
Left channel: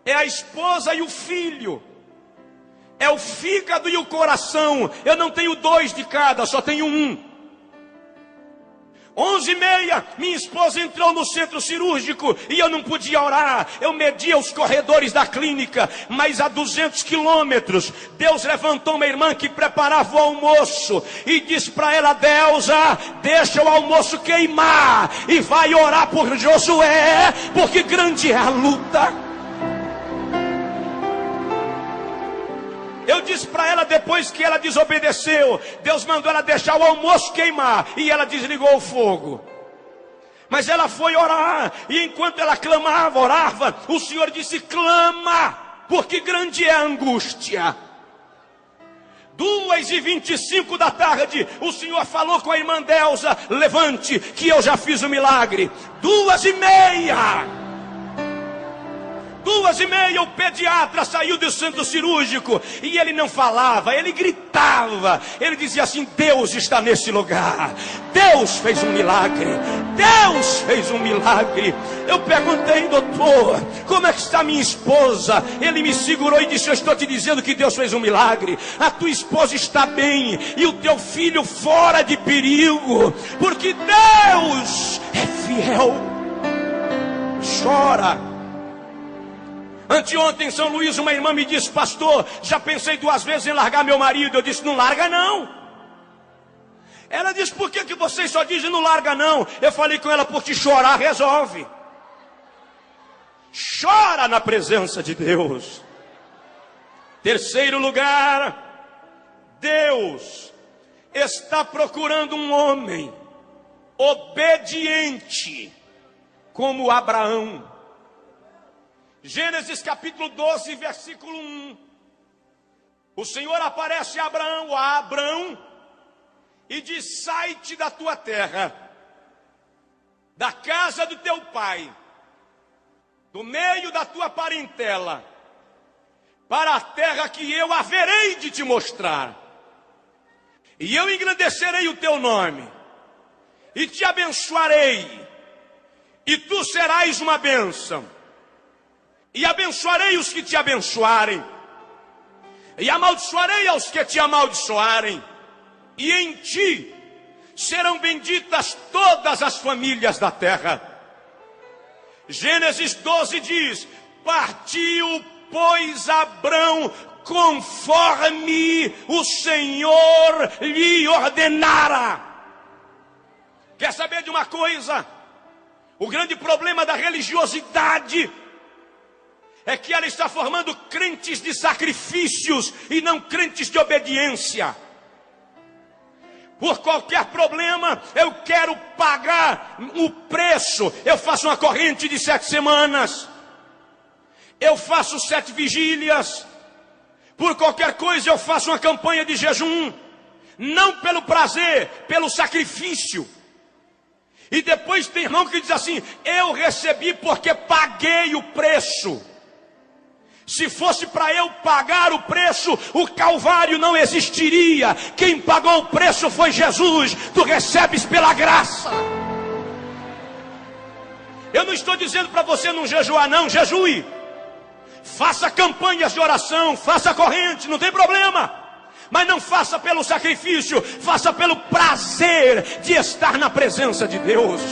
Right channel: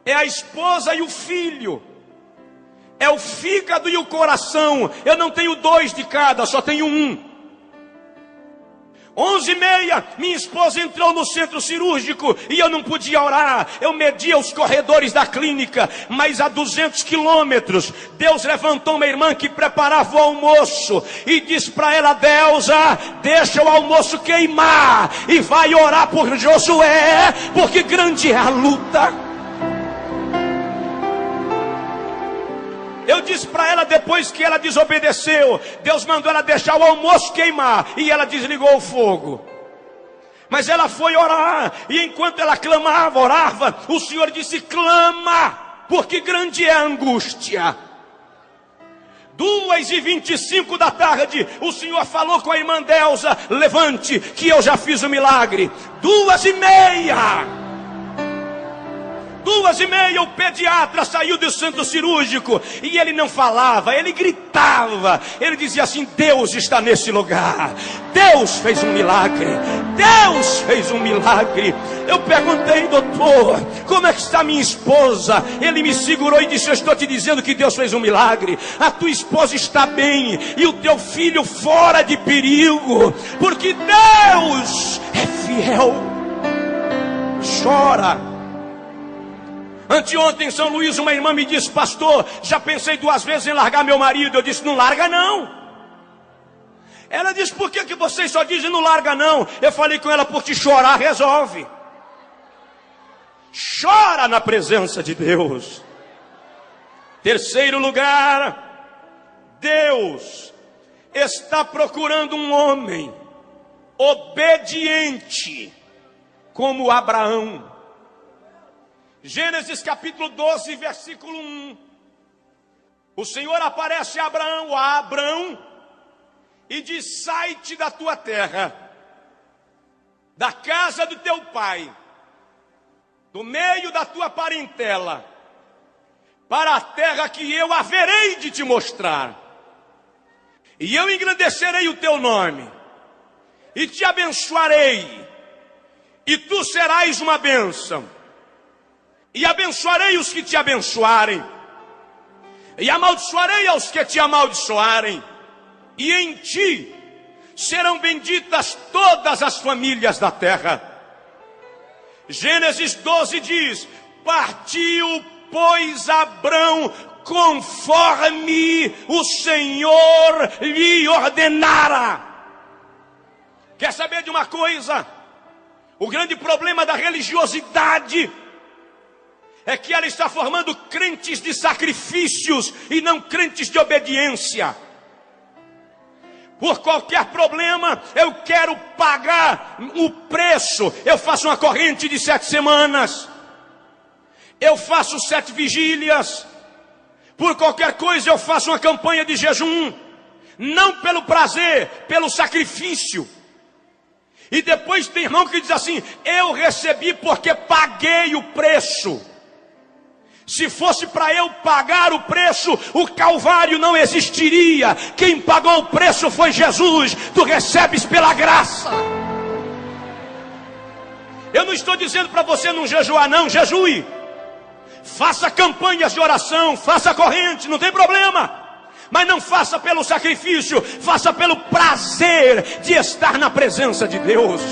É a esposa e o filho, é o fígado e o coração. Eu não tenho 2 de cada, só tenho um. 11h30, minha esposa entrou no centro cirúrgico e eu não podia orar. Eu media os corredores da clínica, mas a 200 quilômetros, Deus levantou uma irmã que preparava o almoço e disse para ela: Deusa, deixa o almoço queimar e vai orar por Josué, porque grande é a luta. Eu disse para ela, depois que ela desobedeceu, Deus mandou ela deixar o almoço queimar, e ela desligou o fogo. Mas ela foi orar, e enquanto ela clamava, orava, o Senhor disse: clama, porque grande é a angústia. 2h25 da tarde, o Senhor falou com a irmã Deusa: levante, que eu já fiz o milagre. 2h30, o pediatra saiu do centro cirúrgico e ele não falava, ele gritava, ele dizia assim: Deus está nesse lugar, Deus fez um milagre, Deus fez um milagre. Eu perguntei: doutor, como é que está minha esposa? Ele me segurou e disse: eu estou te dizendo que Deus fez um milagre, a tua esposa está bem e o teu filho fora de perigo, porque Deus é fiel. Chora. Anteontem em São Luís, uma irmã me disse: pastor, já pensei 2 vezes em largar meu marido. Eu disse: não larga não. Ela disse: por que vocês só dizem não larga não? Eu falei com ela: porque chorar resolve. Chora na presença de Deus. Terceiro lugar, Deus está procurando um homem obediente como Abraão. Gênesis capítulo 12, versículo 1. O Senhor aparece a Abraão, e diz: sai-te da tua terra, casa do teu pai, do meio da tua parentela, para a terra que eu haverei de te mostrar. E eu engrandecerei o teu nome, e te abençoarei, e tu serás uma bênção. E abençoarei os que te abençoarem, e amaldiçoarei aos que te amaldiçoarem. E em ti serão benditas todas as famílias da terra. Gênesis 12 diz: partiu, pois, Abrão conforme o Senhor lhe ordenara. Quer saber de uma coisa? O grande problema da religiosidade é que ela está formando crentes de sacrifícios e não crentes de obediência. Por qualquer problema, eu quero pagar o preço. Eu faço uma corrente de 7 semanas. Eu faço 7 vigílias. Por qualquer coisa, eu faço uma campanha de jejum. Não pelo prazer, pelo sacrifício. E depois tem irmão que diz assim: eu recebi porque paguei o preço. Se fosse para eu pagar o preço, o Calvário não existiria. Quem pagou o preço foi Jesus. Tu recebes pela graça. Eu não estou dizendo para você não jejuar, não. Jejue. Faça campanhas de oração, faça corrente, não tem problema. Mas não faça pelo sacrifício, faça pelo prazer de estar na presença de Deus.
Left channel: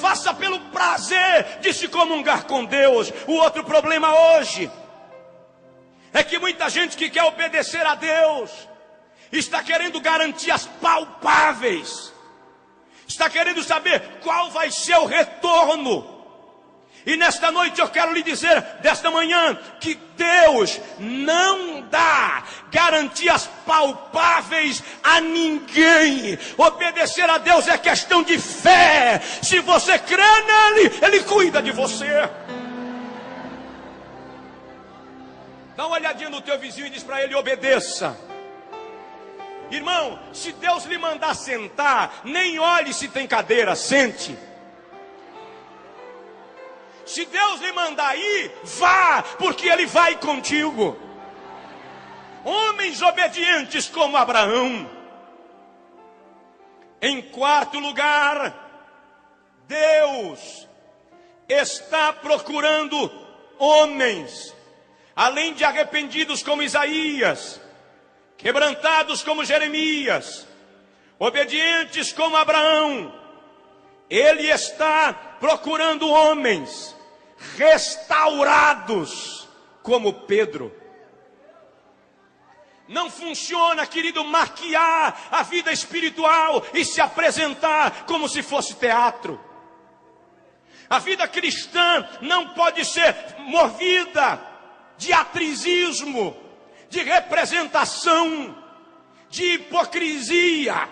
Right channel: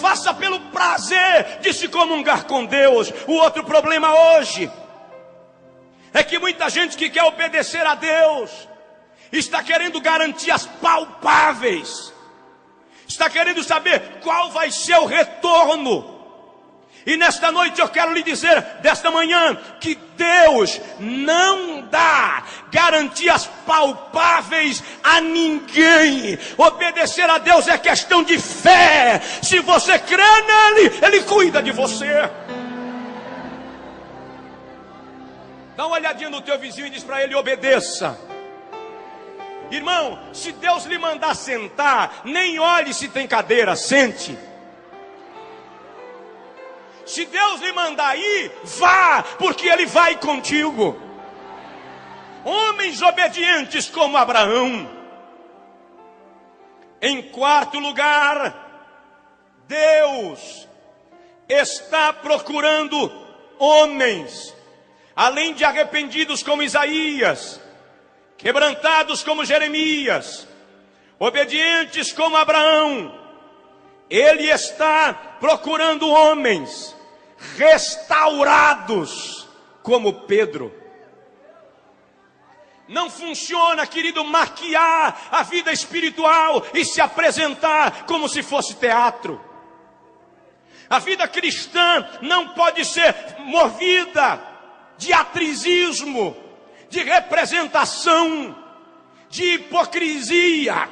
Faça pelo prazer de se comungar com Deus. O outro problema hoje é que muita gente que quer obedecer a Deus está querendo garantias palpáveis, está querendo saber qual vai ser o retorno. E nesta noite eu quero lhe dizer, desta manhã, que Deus não dá garantias palpáveis a ninguém. Obedecer a Deus é questão de fé. Se você crê nele, ele cuida de você. Dá uma olhadinha no teu vizinho e diz para ele: obedeça. Irmão, se Deus lhe mandar sentar, nem olhe se tem cadeira, sente. Se Deus lhe mandar ir, vá, porque Ele vai contigo. Homens obedientes como Abraão. Em quarto lugar, Deus está procurando homens, além de arrependidos como Isaías, quebrantados como Jeremias, obedientes como Abraão. Ele está procurando homens restaurados como Pedro. Não funciona, querido, maquiar a vida espiritual e se apresentar como se fosse teatro. A vida cristã não pode ser movida de atrizismo, de representação, de hipocrisia.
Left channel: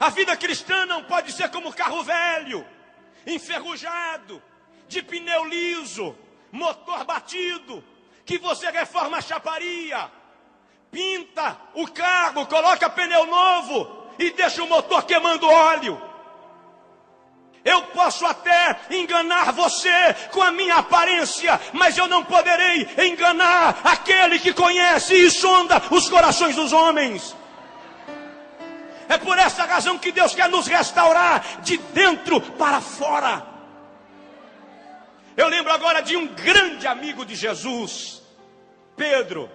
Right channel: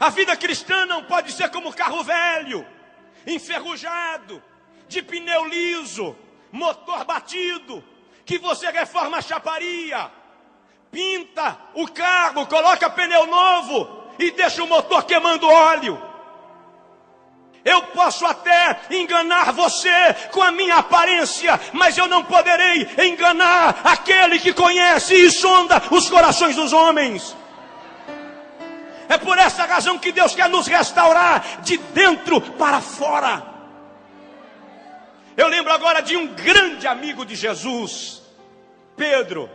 A vida cristã não pode ser como carro velho, enferrujado, de pneu liso, motor batido, que você reforma a chaparia, pinta o carro, coloca pneu novo e deixa o motor queimando óleo. Eu posso até enganar você com a minha aparência, mas eu não poderei enganar aquele que conhece e sonda os corações dos homens. É por essa razão que Deus quer nos restaurar de dentro para fora. Eu lembro agora de um grande amigo de Jesus, Pedro.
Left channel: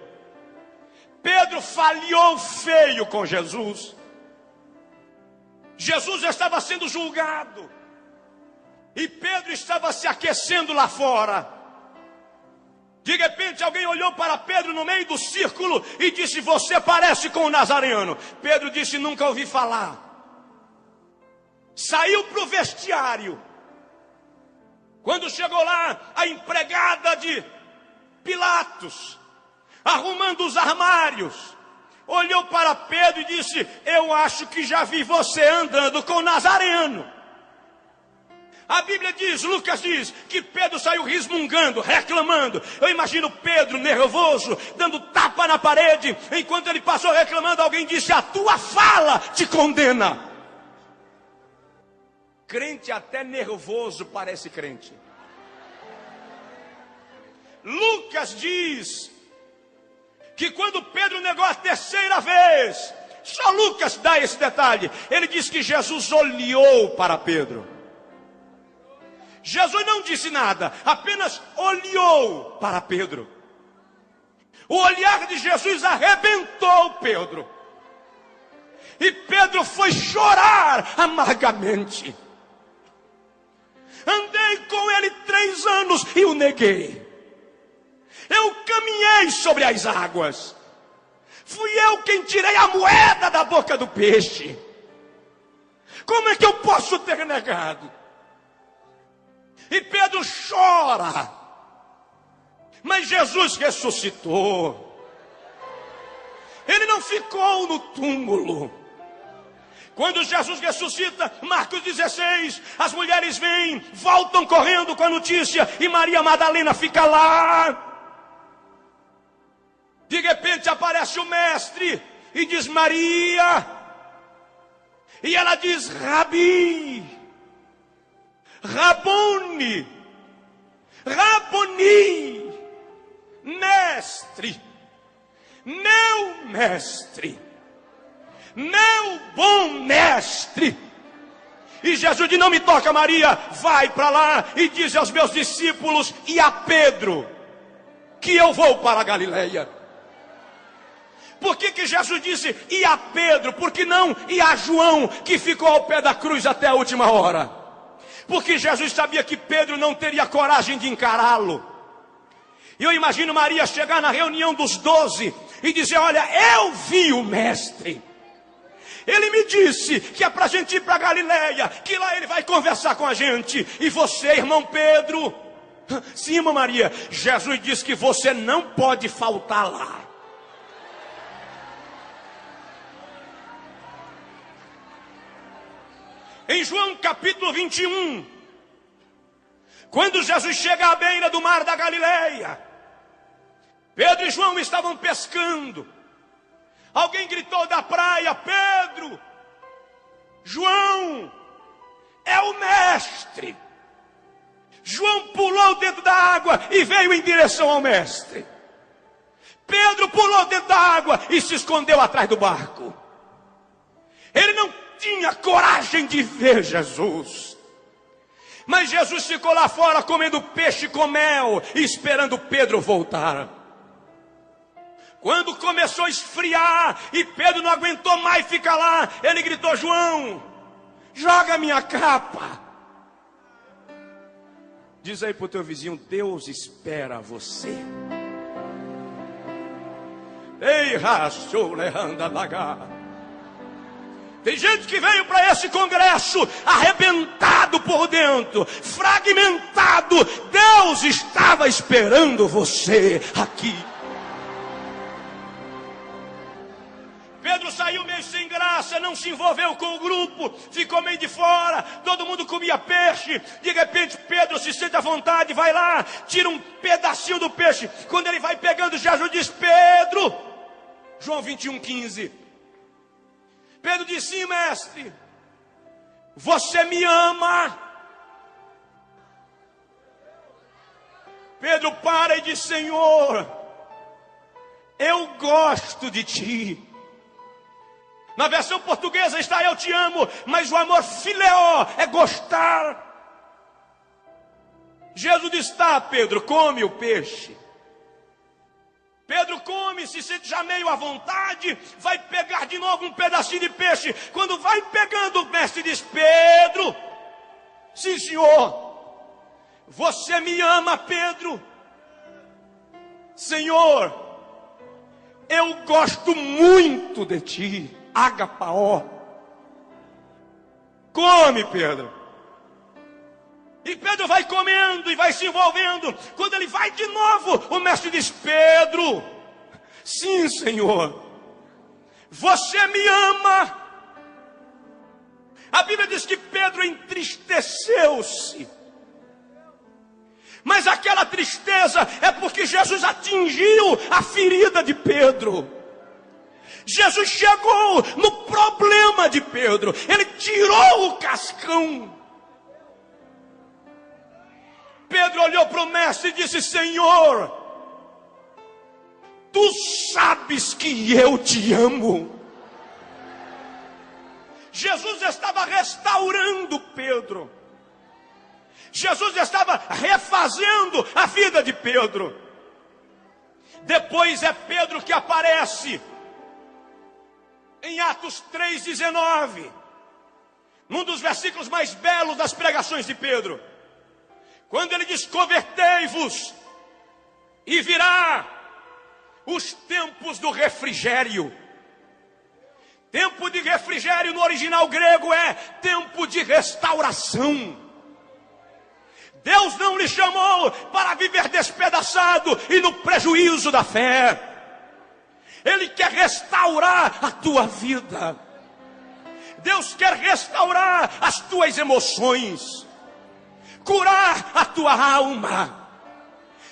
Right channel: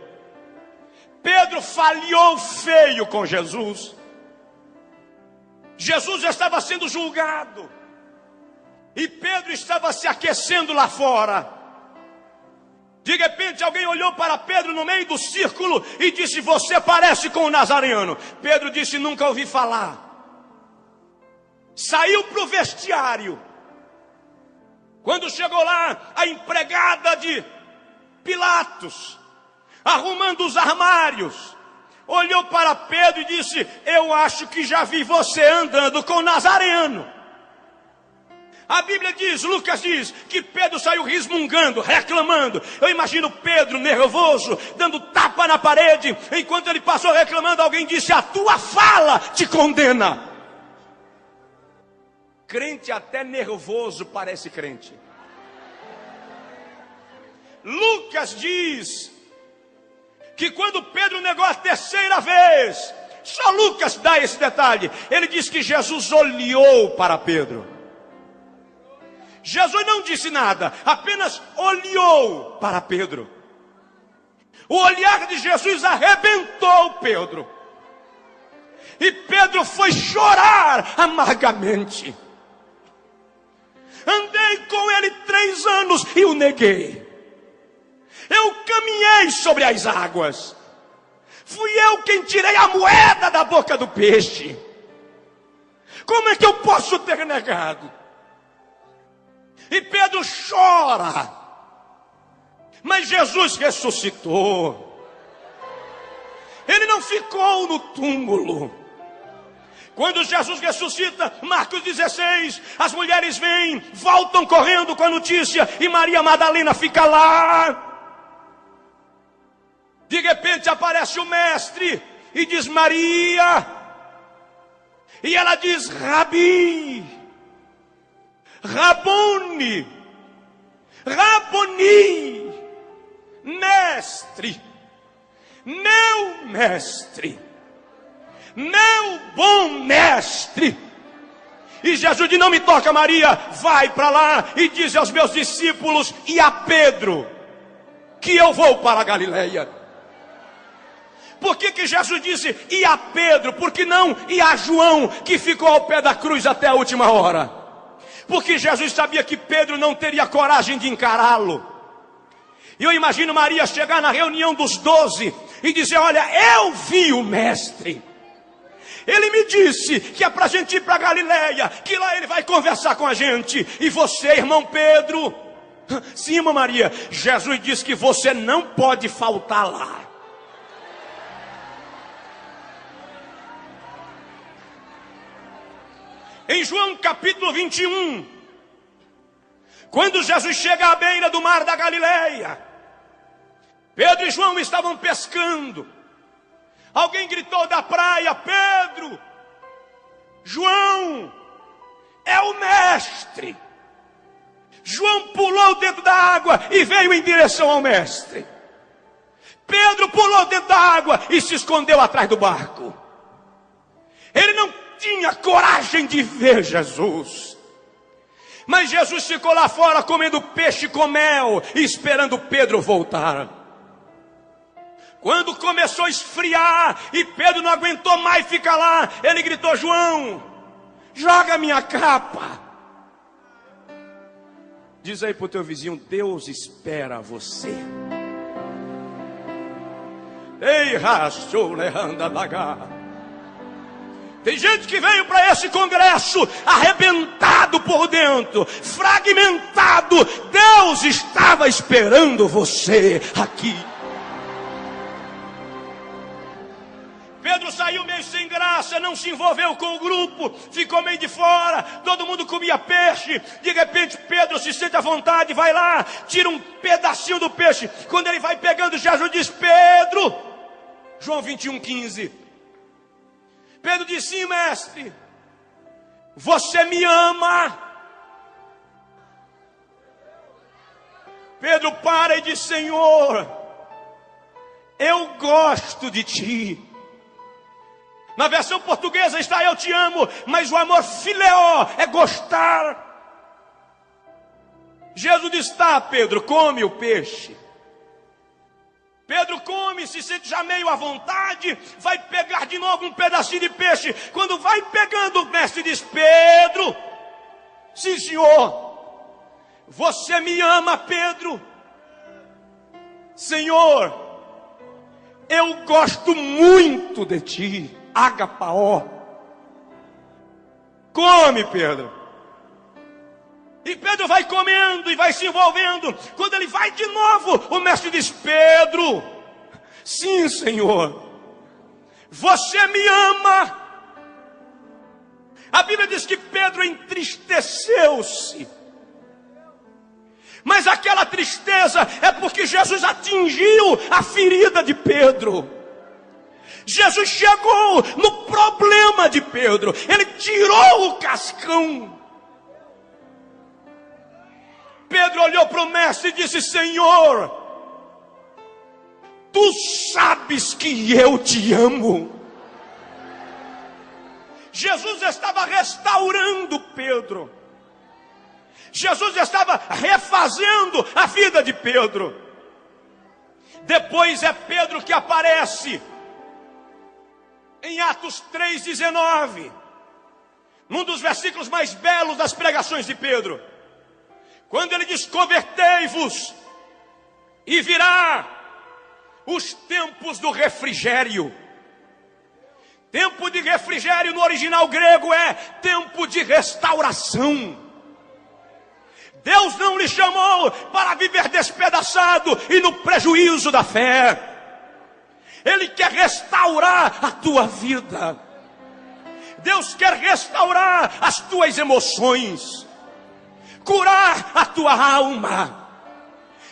Pedro falhou feio com Jesus. Jesus estava sendo julgado e Pedro estava se aquecendo lá fora. De repente alguém olhou para Pedro no meio do círculo e disse: você parece com o Nazareno. Pedro disse: nunca ouvi falar. Saiu para o vestiário. Quando chegou lá, a empregada de Pilatos, arrumando os armários, olhou para Pedro e disse: eu acho que já vi você andando com o Nazareno. A Bíblia diz, Lucas diz, que Pedro saiu resmungando, reclamando. Eu imagino Pedro nervoso, dando tapa na parede. Enquanto ele passou reclamando, alguém disse: a tua fala te condena. Crente até nervoso parece crente. Lucas diz que quando Pedro negou a terceira vez, só Lucas dá esse detalhe, ele diz que Jesus olhou para Pedro. Jesus não disse nada, apenas olhou para Pedro. O olhar de Jesus arrebentou Pedro. E Pedro foi chorar amargamente. Andei com ele 3 anos e o neguei. Eu caminhei sobre as águas. Fui eu quem tirei a moeda da boca do peixe. Como é que eu posso ter negado? E Pedro chora. Mas Jesus ressuscitou. Ele não ficou no túmulo. Quando Jesus ressuscita, Marcos 16, as mulheres vêm, voltam correndo com a notícia, e Maria Madalena fica lá. De repente aparece o mestre e diz Maria. E ela diz Rabi, Rabone, Raboni, mestre, meu mestre, meu bom mestre. E Jesus diz, não me toca Maria, vai para lá e diz aos meus discípulos e a Pedro que eu vou para a Galileia. Por que Jesus disse e a Pedro? Por que não e a João, que ficou ao pé da cruz até a última hora? Porque Jesus sabia que Pedro não teria coragem de encará-lo. E eu imagino Maria chegar na reunião dos 12 e dizer, olha, eu vi o mestre. Ele me disse que é para a gente ir para Galileia, que lá ele vai conversar com a gente. E você, irmão Pedro? Sim, irmã Maria, Jesus disse que você não pode faltar lá. Em João capítulo 21, quando Jesus chega à beira do mar da Galileia, Pedro e João estavam pescando. Alguém gritou da praia, Pedro, João, é o mestre. João pulou dentro da água e veio em direção ao mestre. Pedro pulou dentro da água e se escondeu atrás do barco. Ele não tinha coragem de ver Jesus. Mas Jesus ficou lá fora comendo peixe com mel e esperando Pedro voltar. Quando começou a esfriar e Pedro não aguentou mais ficar lá, ele gritou, João, joga minha capa. Diz aí pro teu vizinho, Deus espera você. Ei, rachou, leanda dagar. Tem gente que veio para esse congresso arrebentado por dentro, fragmentado. Deus estava esperando você aqui. Pedro saiu meio sem graça, não se envolveu com o grupo, ficou meio de fora, todo mundo comia peixe. De repente Pedro se sente à vontade, vai lá, tira um pedacinho do peixe. Quando ele vai pegando, Jesus diz, Pedro, João 21:15. Pedro disse, sim, mestre, você me ama? Pedro para e diz, Senhor, eu gosto de ti. Na versão portuguesa está eu te amo, mas o amor fileó é gostar. Jesus diz, tá, Pedro, come o peixe. Pedro come, se sente já meio à vontade, vai pegar de novo um pedacinho de peixe. Quando vai pegando, o mestre diz, Pedro, sim senhor, você me ama, Pedro? Senhor, eu gosto muito de ti, agapaó. Come, Pedro. E Pedro vai comendo e vai se envolvendo. Quando ele vai de novo, o mestre diz, Pedro, sim, Senhor, você me ama. A Bíblia diz que Pedro entristeceu-se. Mas aquela tristeza é porque Jesus atingiu a ferida de Pedro. Jesus chegou no problema de Pedro. Ele tirou o cascão. Pedro olhou para o mestre e disse: Senhor, tu sabes que eu te amo. Jesus estava restaurando Pedro. Jesus estava refazendo a vida de Pedro. Depois é Pedro que aparece em Atos 3,19, num dos versículos mais belos das pregações de Pedro, quando ele diz: convertei-vos e virá os tempos do refrigério. Tempo de refrigério no original grego é tempo de restauração. Deus não lhe chamou para viver despedaçado e no prejuízo da fé. Ele quer restaurar a tua vida. Deus quer restaurar as tuas emoções, curar a tua alma.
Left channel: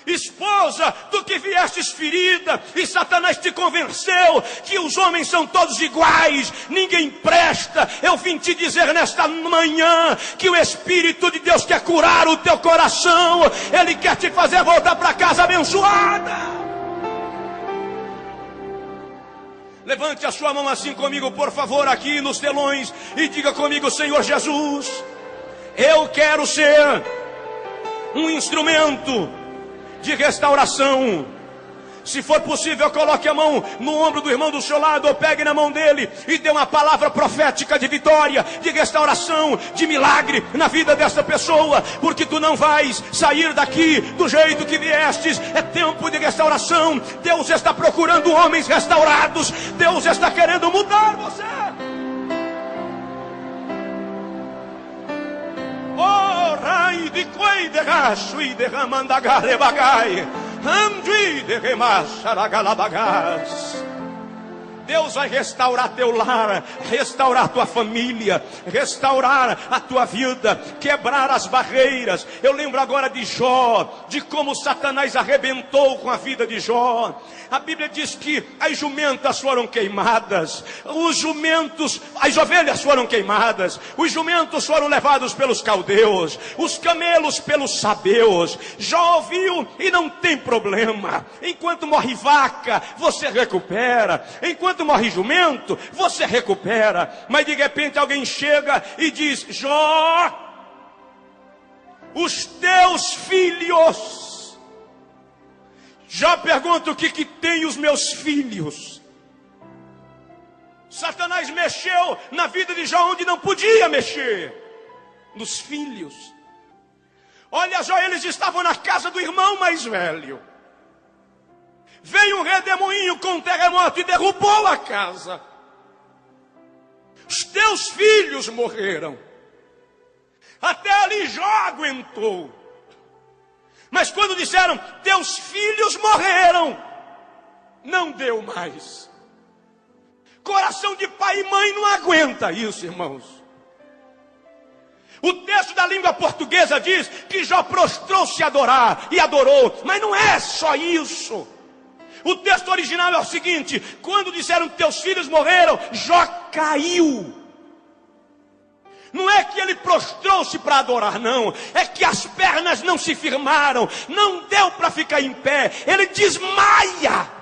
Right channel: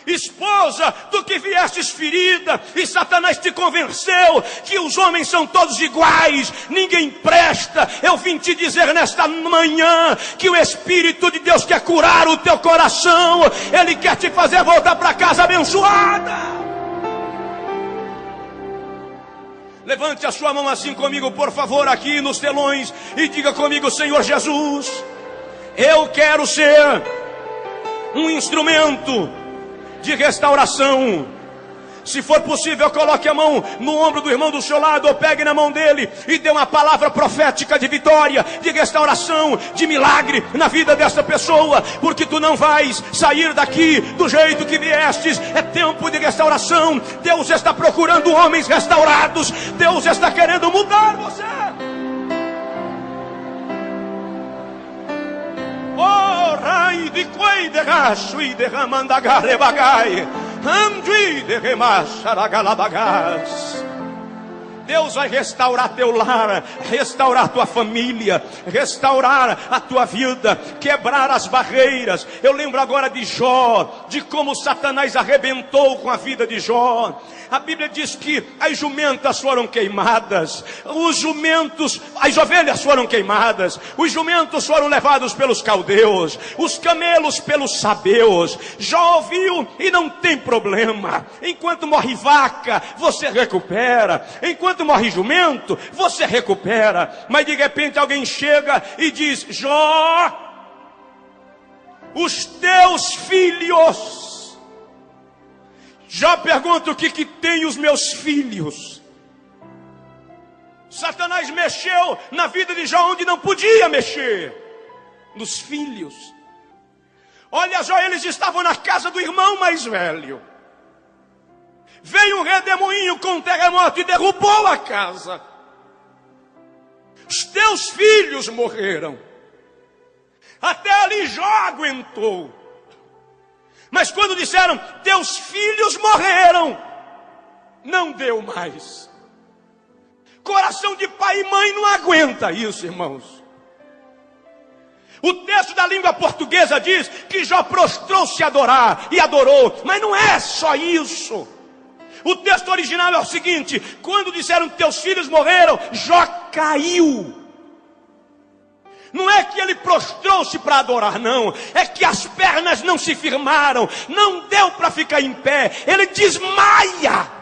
Esposa, tu que viestes ferida e Satanás te convenceu que os homens são todos iguais, ninguém presta. Eu vim te dizer nesta manhã que o Espírito de Deus quer curar o teu coração. Ele quer te fazer voltar para casa abençoada. Levante a sua mão assim comigo, por favor, aqui nos telões, e diga comigo: Senhor Jesus, eu quero ser um instrumento de restauração. Se for possível, coloque a mão no ombro do irmão do seu lado, ou pegue na mão dele e dê uma palavra profética de vitória, de restauração, de milagre na vida dessa pessoa, porque tu não vais sair daqui do jeito que viestes. É tempo de restauração. Deus está procurando homens restaurados. Deus está querendo mudar você. Oh, rai de quei de racho e de ramandagare bagai, andui de remacharagalabagas. Deus vai restaurar teu lar, restaurar tua família, restaurar a tua vida, quebrar as barreiras. Eu lembro agora de Jó, de como Satanás arrebentou com a vida de Jó. A Bíblia diz que as jumentas foram queimadas, as ovelhas foram queimadas, os jumentos foram levados pelos caldeus, os camelos pelos sabeus. Jó ouviu e não tem problema. Enquanto morre vaca, você recupera. Enquanto morre jumento, você recupera. Mas de repente alguém chega e diz: Jó, os teus filhos. Jó pergunta: o que tem os meus filhos? Satanás mexeu na vida de Jó onde não podia mexer, nos filhos. Olha, Jó, eles estavam na casa do irmão mais velho. Veio um redemoinho com um terremoto e derrubou a casa. Os teus filhos morreram. Até ali Jó aguentou. Mas quando disseram: teus filhos morreram, não deu mais. Coração de pai e mãe não aguenta isso, irmãos. O texto da língua portuguesa diz que Jó prostrou-se a adorar, e adorou. Mas não é só isso. O texto original é o seguinte: quando disseram teus filhos morreram, Jó caiu. Não é que ele prostrou-se para adorar, não. É que as pernas não se firmaram, não deu para ficar em pé. Ele desmaia.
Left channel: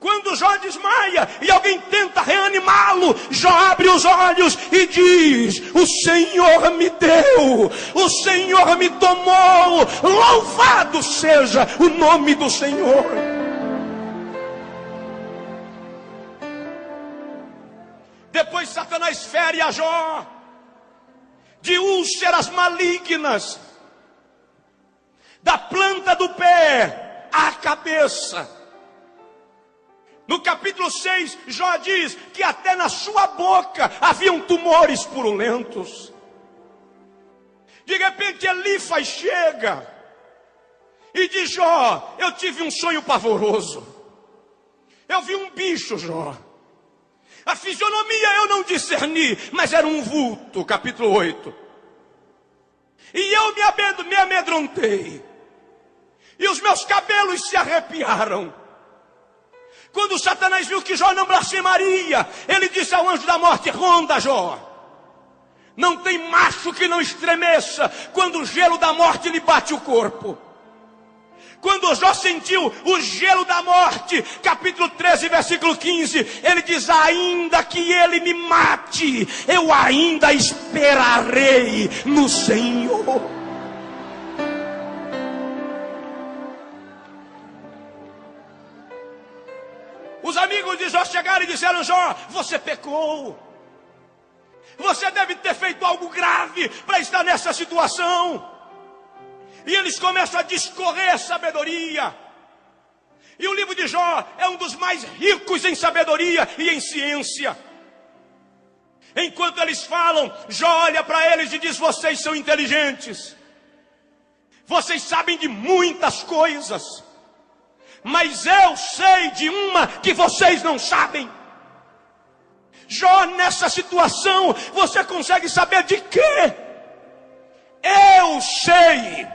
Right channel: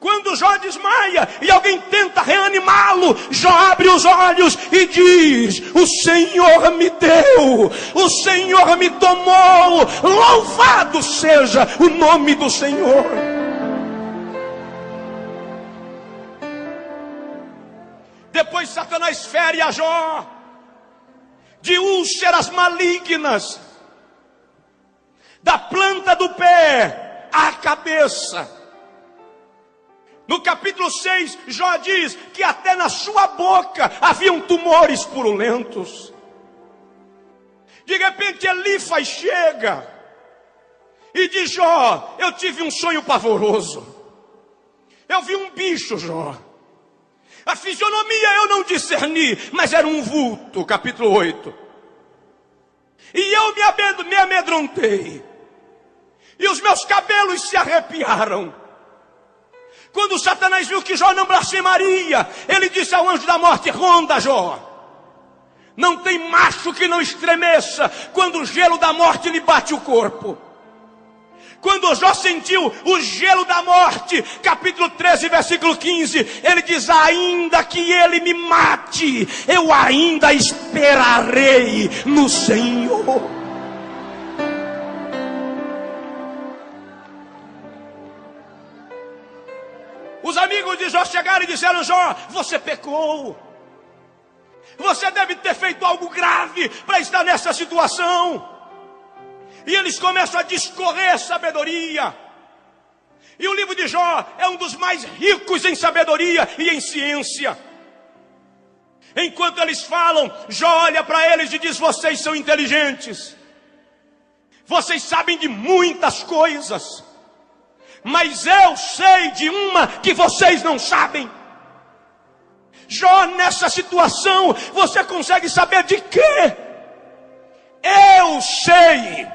Quando Jó desmaia e alguém tenta reanimá-lo, Jó abre os olhos e diz: o Senhor me deu, o Senhor me tomou, louvado seja o nome do Senhor. Depois Satanás fere a Jó de úlceras malignas, da planta do pé à cabeça. No capítulo 6, Jó diz que até na sua boca haviam tumores purulentos. De repente Elifaz chega e diz: Jó, eu tive um sonho pavoroso. Eu vi um bicho, Jó. A fisionomia eu não discerni, mas era um vulto. Capítulo 8. E eu me amedrontei, e os meus cabelos se arrepiaram. Quando Satanás viu que Jó não blasfemaria, ele disse ao anjo da morte: ronda, Jó, Não tem macho que não estremeça quando o gelo da morte lhe bate o corpo. Quando Jó sentiu o gelo da morte, capítulo 13, versículo 15, ele diz: ainda que ele me mate, eu ainda esperarei no Senhor. Os amigos de Jó chegaram e disseram: Jó, você pecou. Você deve ter feito algo grave para estar nessa situação. E eles começam a discorrer sabedoria. E o livro de Jó é um dos mais ricos em sabedoria e em ciência. Enquanto eles falam, Jó olha para eles e diz: vocês são inteligentes. Vocês sabem de muitas coisas. Mas eu sei de uma que vocês não sabem. Jó, nessa situação, você consegue saber de quê? Eu sei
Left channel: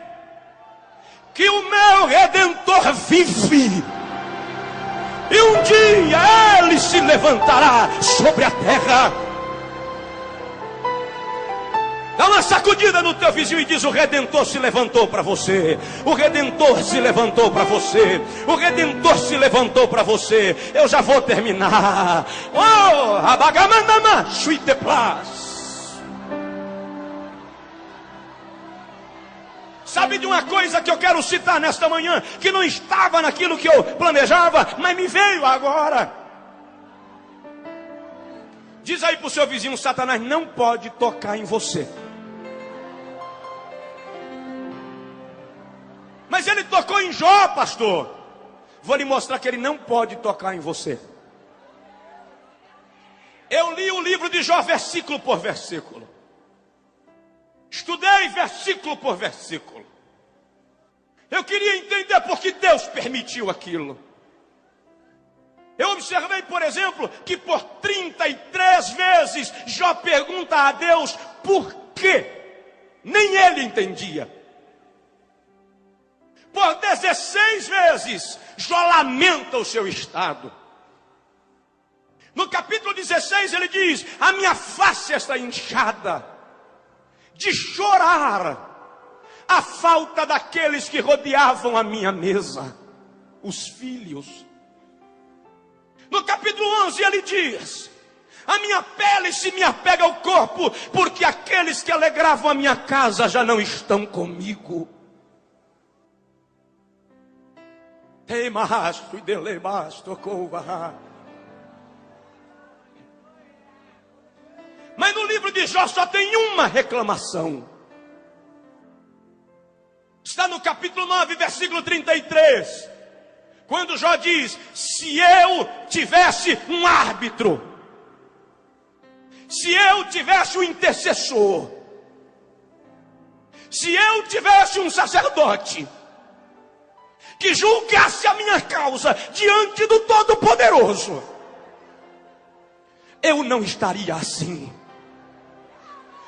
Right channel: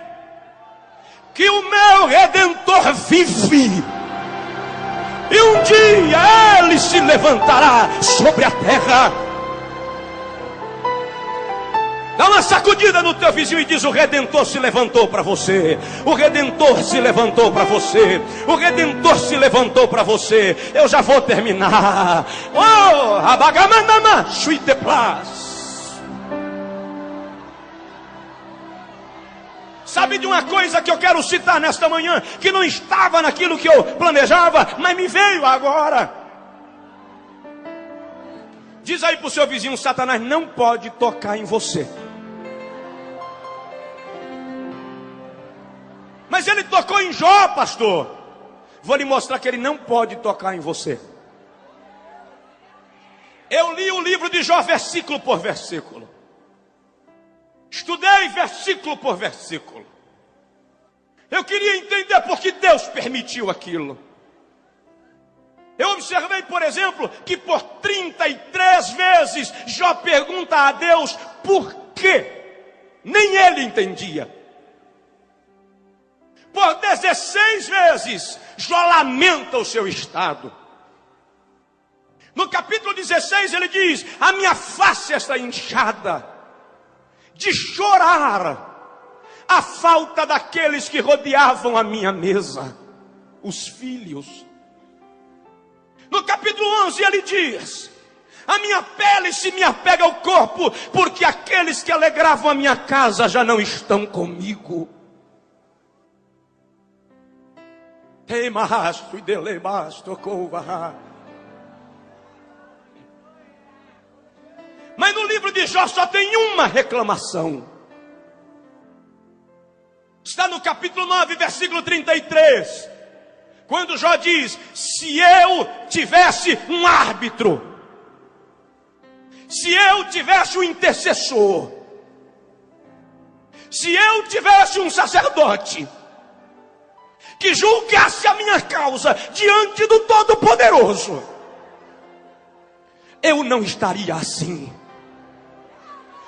que o meu Redentor vive, e um dia ele se levantará sobre a terra. Dá uma sacudida no teu vizinho e diz: o Redentor se levantou para você. O Redentor se levantou para você. O Redentor se levantou para você. Eu já vou terminar. Oh, abagamanama, suite plas. Sabe de uma coisa que eu quero citar nesta manhã, que não estava naquilo que eu planejava, mas me veio agora. Diz aí para o seu vizinho: Satanás não pode tocar em você. Mas ele tocou em Jó, pastor. Vou lhe mostrar que ele não pode tocar em você. Eu li o livro de Jó versículo por versículo. Estudei versículo por versículo. Eu queria entender por que Deus permitiu aquilo. Eu observei, por exemplo, que por 33 vezes Jó pergunta a Deus por quê. Nem ele entendia. Por 16 vezes Jó lamenta o seu estado. No capítulo 16 ele diz: a minha face está inchada de chorar a falta daqueles que rodeavam a minha mesa, os filhos. No capítulo 11 ele diz: a minha pele se me apega ao corpo, porque aqueles que alegravam a minha casa já não estão comigo. Mas no livro de Jó só tem uma reclamação. Está no capítulo 9, versículo 33. Quando Jó diz: se eu tivesse um árbitro, se eu tivesse um intercessor, se eu tivesse um sacerdote que julgasse a minha causa diante do Todo-Poderoso, eu não estaria assim.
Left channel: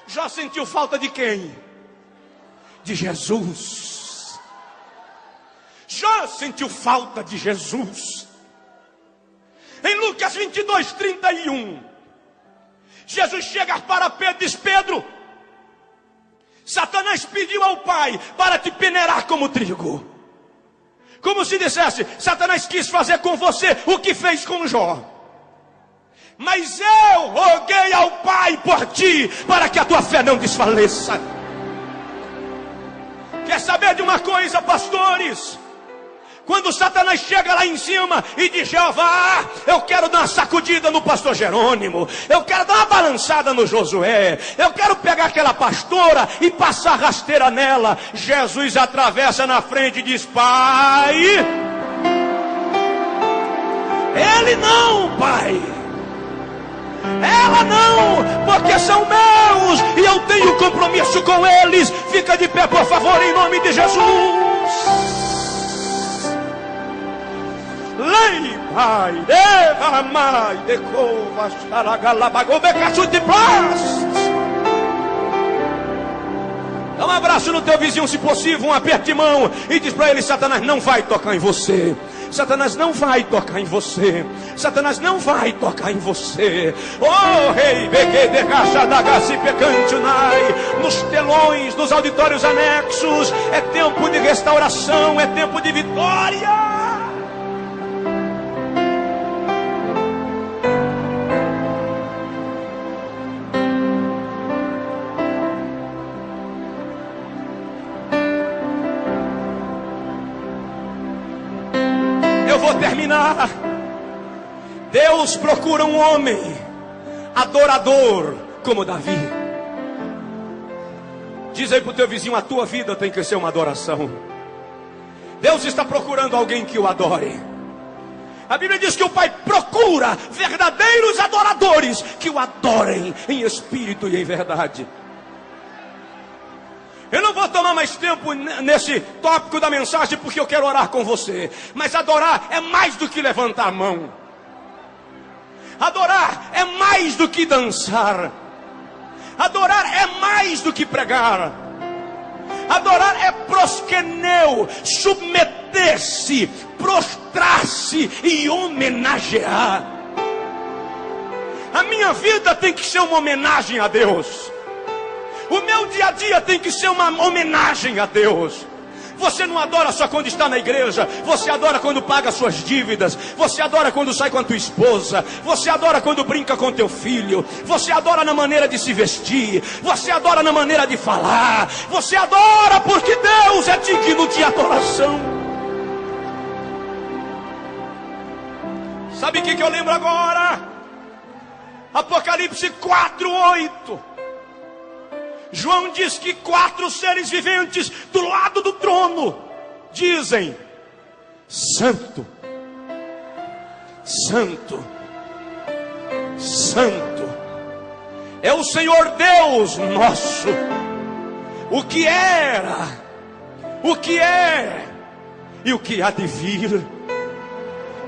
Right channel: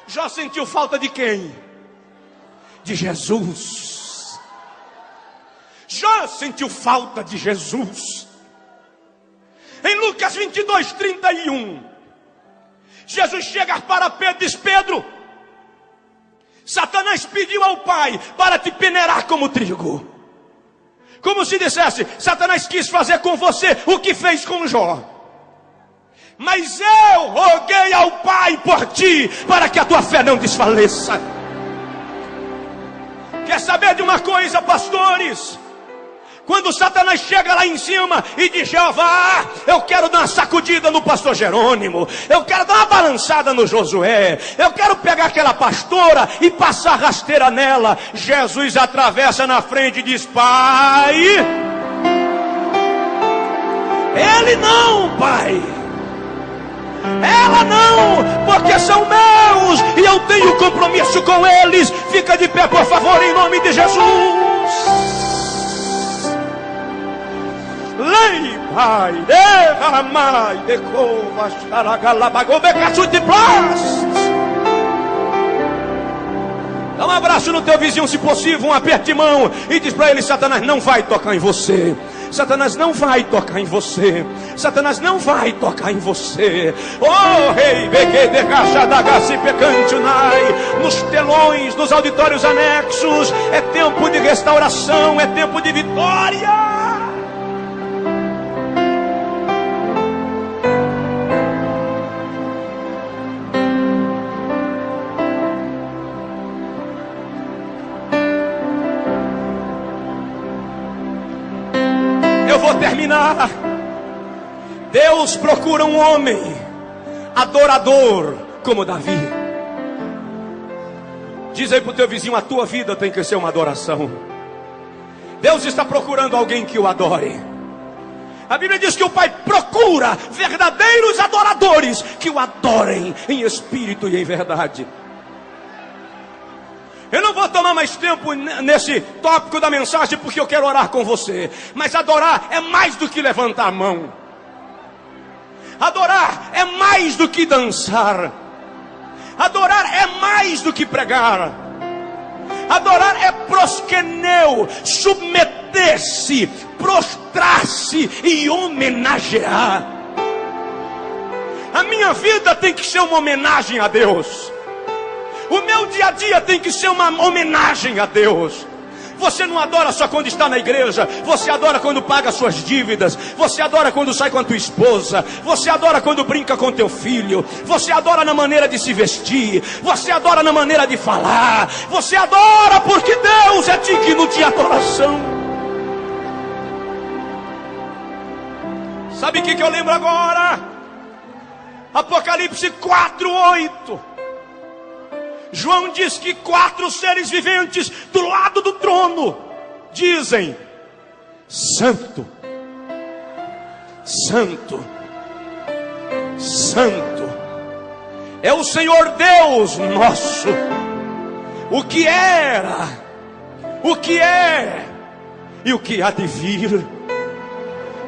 Jó sentiu falta de quem? De Jesus. Jó sentiu falta de Jesus. Em Lucas 22, 31, Jesus chega para Pedro e diz: Pedro, Satanás pediu ao Pai para te peneirar como trigo. Como se dissesse: Satanás quis fazer com você o que fez com Jó. Mas eu roguei ao Pai por ti, para que a tua fé não desfaleça. Quer saber de uma coisa, pastores? Quando Satanás chega lá em cima e diz: Jeová, eu quero dar uma sacudida no pastor Jerônimo, eu quero dar uma balançada no Josué, eu quero pegar aquela pastora e passar rasteira nela, Jesus atravessa na frente e diz: Pai, ele não, Pai, ela não, porque são meus e eu tenho compromisso com eles. Fica de pé, por favor, em nome de Jesus. Lei, Pai, derramai, decova, xaragalabagobecaçute plast. Dá um abraço no teu vizinho, se possível, um aperto de mão, e diz para ele: Satanás não vai tocar em você. Satanás não vai tocar em você. Satanás não vai tocar em você. Oh, rei, nos telões, nos auditórios anexos, é tempo de restauração, é tempo de vitória. Terminar. Deus procura um homem adorador como Davi. Diz aí para o teu vizinho: a tua vida tem que ser uma adoração. Deus está procurando alguém que o adore. A Bíblia diz que o Pai procura verdadeiros adoradores que o adorem em espírito e em verdade. Eu não vou tomar mais tempo nesse tópico da mensagem, porque eu quero orar com você. Mas adorar é mais do que levantar a mão. Adorar é mais do que dançar. Adorar é mais do que pregar. Adorar é proskeneu, submeter-se, prostrar-se e homenagear. A minha vida tem que ser uma homenagem a Deus. O meu dia a dia tem que ser uma homenagem a Deus. Você não adora só quando está na igreja. Você adora quando paga suas dívidas. Você adora quando sai com a tua esposa. Você adora quando brinca com teu filho. Você adora na maneira de se vestir. Você adora na maneira de falar. Você adora porque Deus é digno de adoração. Sabe o que eu lembro agora? Apocalipse 4:8. João diz que 4 seres viventes do lado do trono dizem: Santo, Santo, Santo é o Senhor Deus nosso, o que era, o que é e o que há de vir.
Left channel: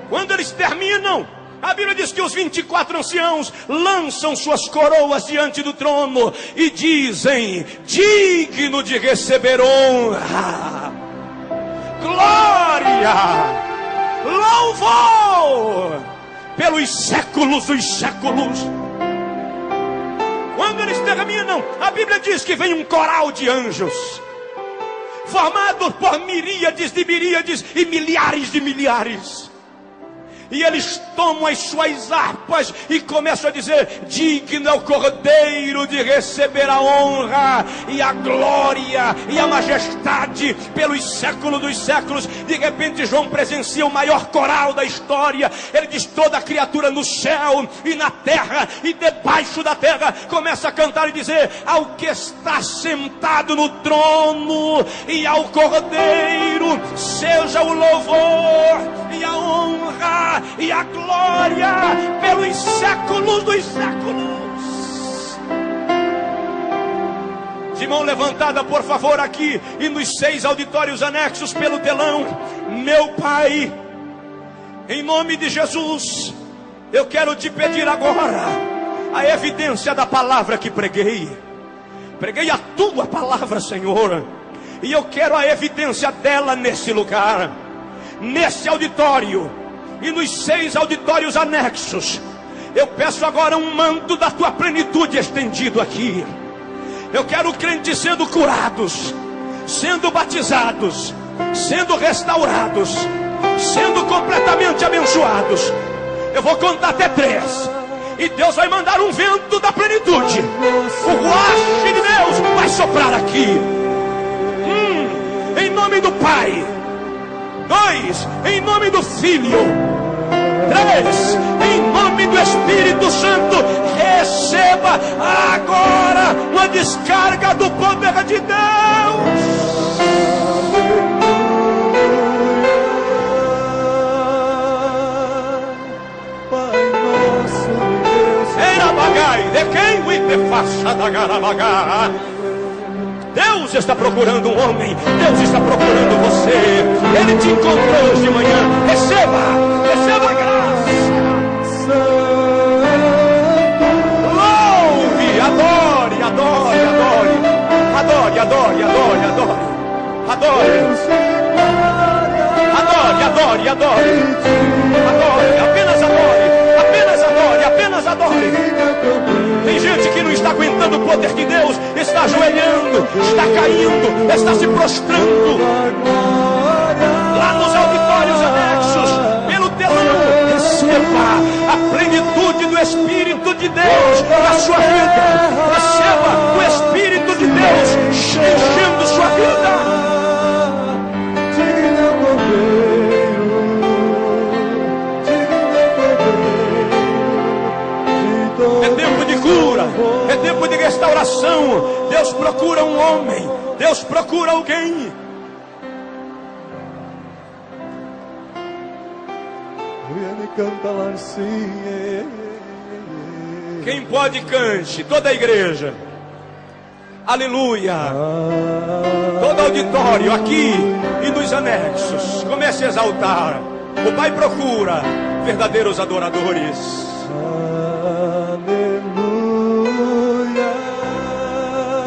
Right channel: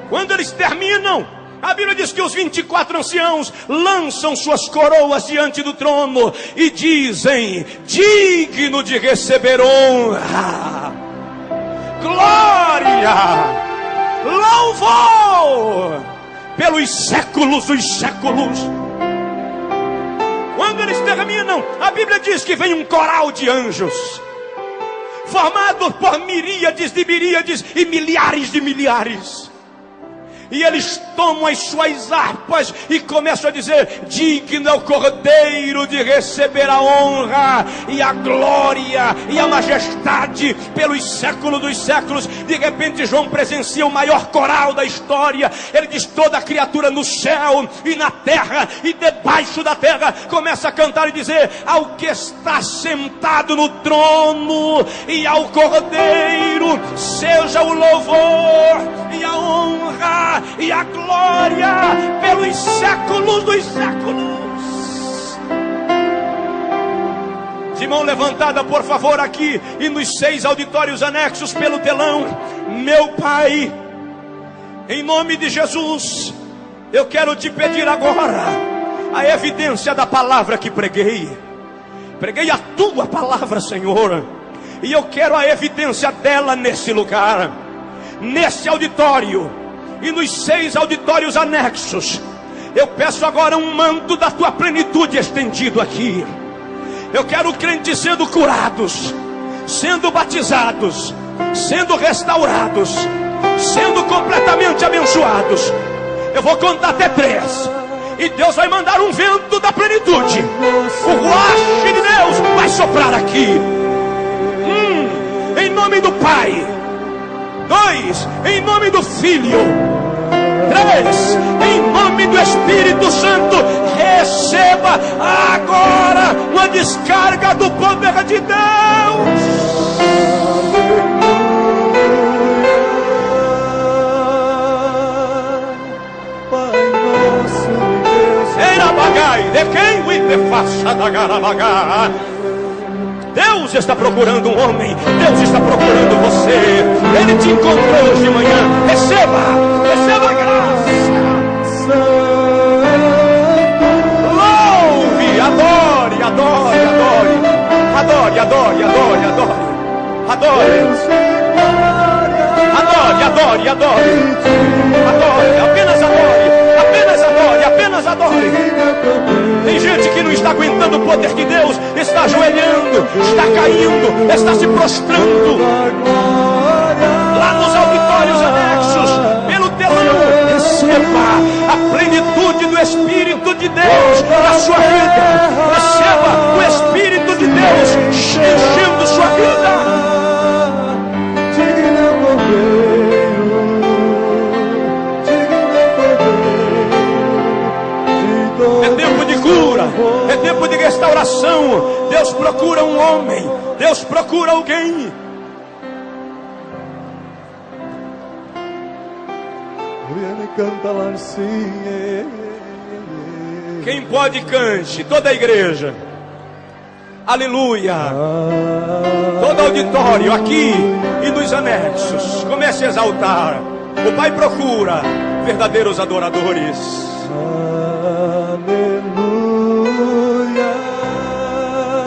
Quando eles terminam, a Bíblia diz que os 24 anciãos lançam suas coroas diante do trono e dizem: digno de receber honra, glória, louvor pelos séculos dos séculos. Quando eles terminam, a Bíblia diz que vem um coral de anjos, formado por miríades de miríades e milhares de milhares. E eles tomam as suas harpas e começam a dizer: digno é o Cordeiro de receber a honra e a glória e a majestade pelos séculos dos séculos. De repente João presencia o maior coral da história. Ele diz: toda criatura no céu e na terra e debaixo da terra começa a cantar e dizer: ao que está sentado no trono e ao Cordeiro seja o louvor e a honra e a glória pelos séculos dos séculos. De mão levantada, por favor, aqui e nos 6 auditórios anexos pelo telão. Meu Pai, em nome de Jesus, eu quero te pedir agora a evidência da palavra que preguei. Preguei a tua palavra, Senhor, e eu quero a evidência dela nesse lugar, nesse auditório e nos 6 auditórios anexos. Eu peço agora um manto da tua plenitude estendido aqui. Eu quero crentes sendo curados, sendo batizados, sendo restaurados, sendo completamente abençoados. Eu vou contar até 3 e Deus vai mandar um vento da plenitude. O ruach de Deus vai soprar aqui. Em nome do Pai. 2, em nome do Filho. 3, em nome do Espírito Santo. Receba agora uma descarga do poder de Deus. Era bagai, de quem o hiperfaça da garabaga. Deus está procurando um homem. Deus está procurando você. Ele te encontrou hoje de manhã. Receba a graça. Louve, adore, adore, adore, adore, adore, adore, adore, adore, adore, adore, adore. Adore, apenas adore. Apenas adore, apenas adore. Tem gente que não está aguentando o poder de Deus, está ajoelhando, está caindo, está se prostrando. Lá nos auditórios anexos, pelo telão, receba a plenitude do Espírito de Deus na sua vida. Receba o Espírito de Deus enchendo sua vida. É tempo de cura, é tempo de restauração. Deus procura um homem, Deus procura alguém. Quem pode, cante, toda a igreja. Aleluia. Todo auditório aqui e nos anexos, comece a exaltar. O Pai procura verdadeiros adoradores.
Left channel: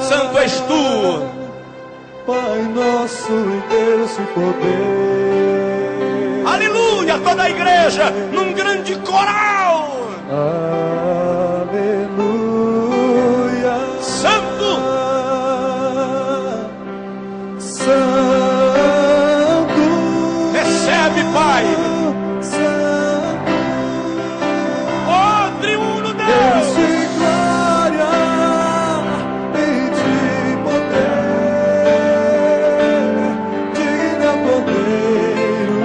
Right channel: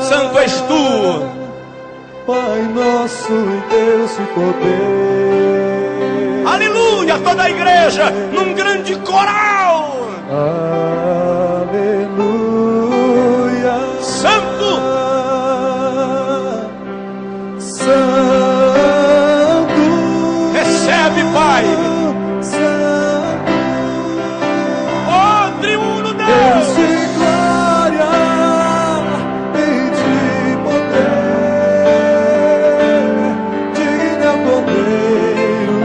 Santo és tu, Pai nosso e Deus e poder. Aleluia, toda a igreja num grande coral. Aleluia. Santo, Santo. recebe, Pai. Santo. Oh, triuno Deus Deus. de glória e de poder. Digno Cordeiro.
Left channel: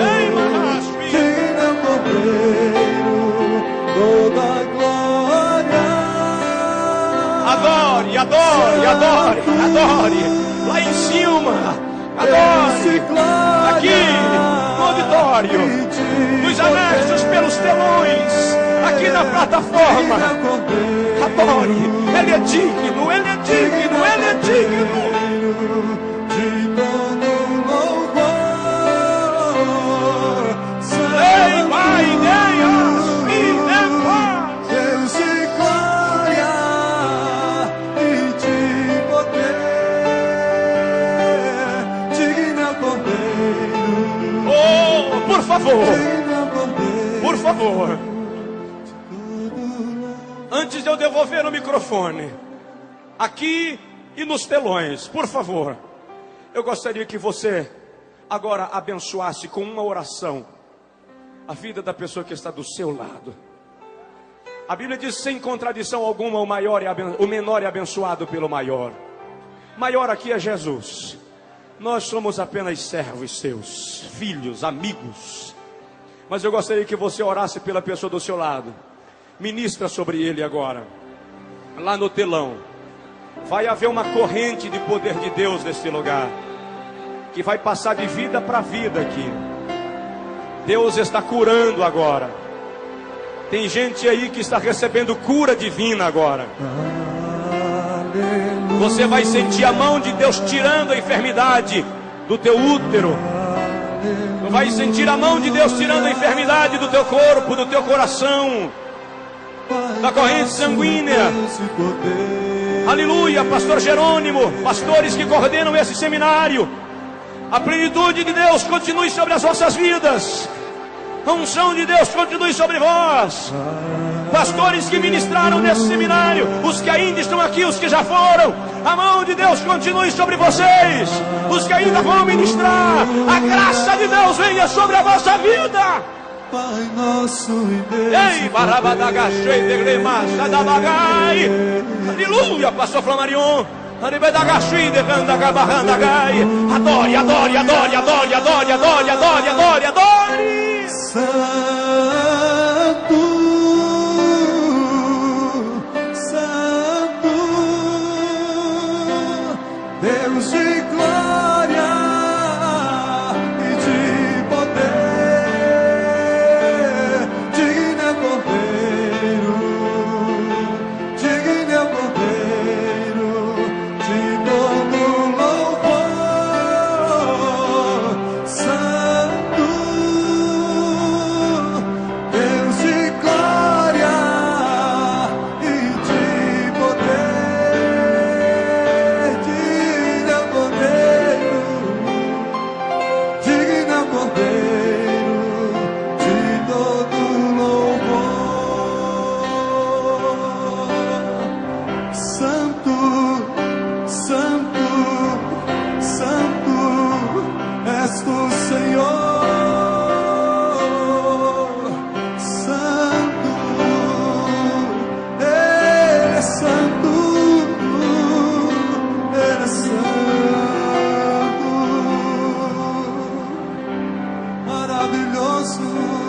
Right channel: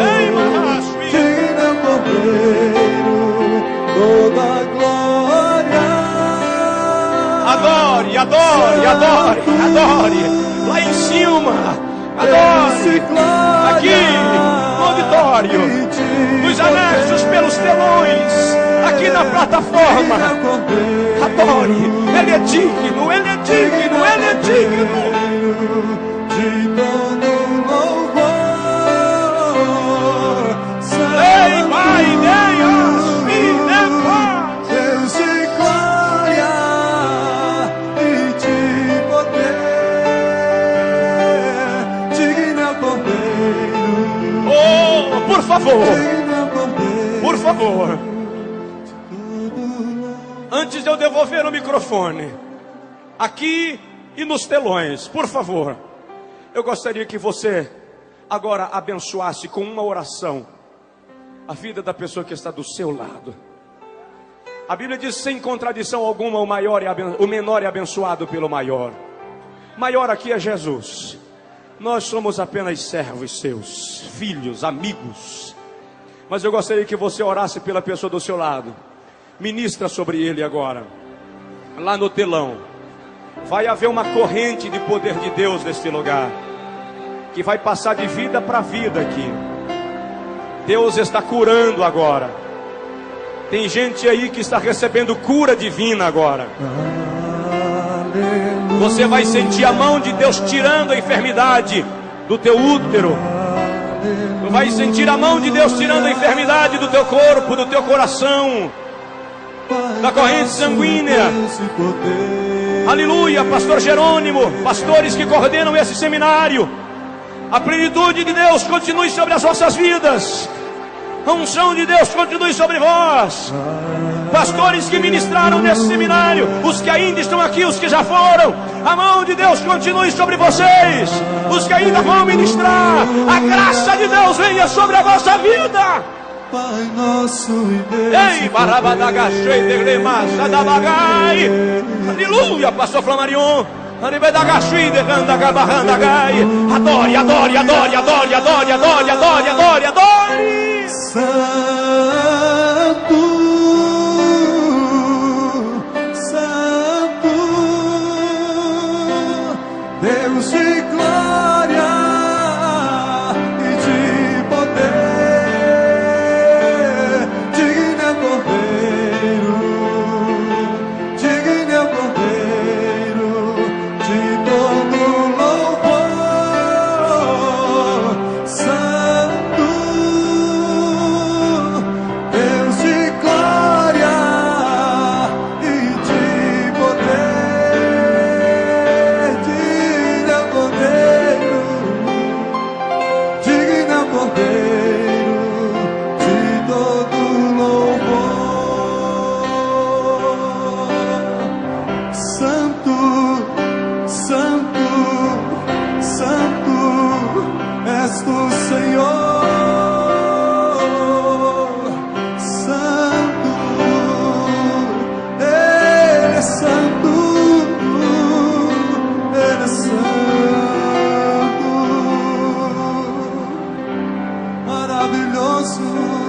Ei, Mahashmi. Digno Cordeiro. Toda glória. Adore, adore, adore, adore. Lá em cima, adore. Aqui, no auditório, nos anexos, pelos telões, aqui na plataforma. Adore, Ele é digno, Ele é digno, Ele é digno. De todo louvor. Ei, Pai, Deus, me dê paz. Deus de glória e de poder. Digno Cordeiro. Oh, por favor, Digno Cordeiro. por favor. Antes de eu devolver o microfone, aqui e nos telões, por favor, eu gostaria que você agora abençoasse com uma oração a vida da pessoa que está do seu lado. A Bíblia diz, sem contradição alguma, o menor é abençoado pelo maior. Maior aqui é Jesus. Nós somos apenas servos seus, filhos, amigos. Mas eu gostaria que você orasse pela pessoa do seu lado. Ministra sobre ele agora. Lá no telão vai haver uma corrente de poder de Deus neste lugar, que vai passar de vida para vida aqui. Deus está curando agora. Tem gente aí que está recebendo cura divina agora. Você vai sentir a mão de Deus tirando a enfermidade do teu útero. Tu vai sentir a mão de Deus tirando a enfermidade do teu corpo, do teu coração, da corrente sanguínea. Aleluia, pastor Jerônimo, pastores que coordenam esse seminário. A plenitude de Deus continue sobre as vossas vidas. A unção de Deus continue sobre vós. Pastores que ministraram nesse seminário, os que ainda estão aqui, os que já foram, a mão de Deus continue sobre vocês. Os que ainda vão ministrar, a graça de Deus venha sobre a vossa vida. Pai nosso e Deus. Ei, barabadagachei de gremacha da bagai. Aleluia, pastor Flamarion. Aribedagachei de candagabarrandagai. Adore, adore, adore, adore, adore, adore, adore, adore, adore. Santo, Santo, Deus de glória e de poder. Digno Cordeiro, digno Cordeiro, de todo louvor. Santo, nosso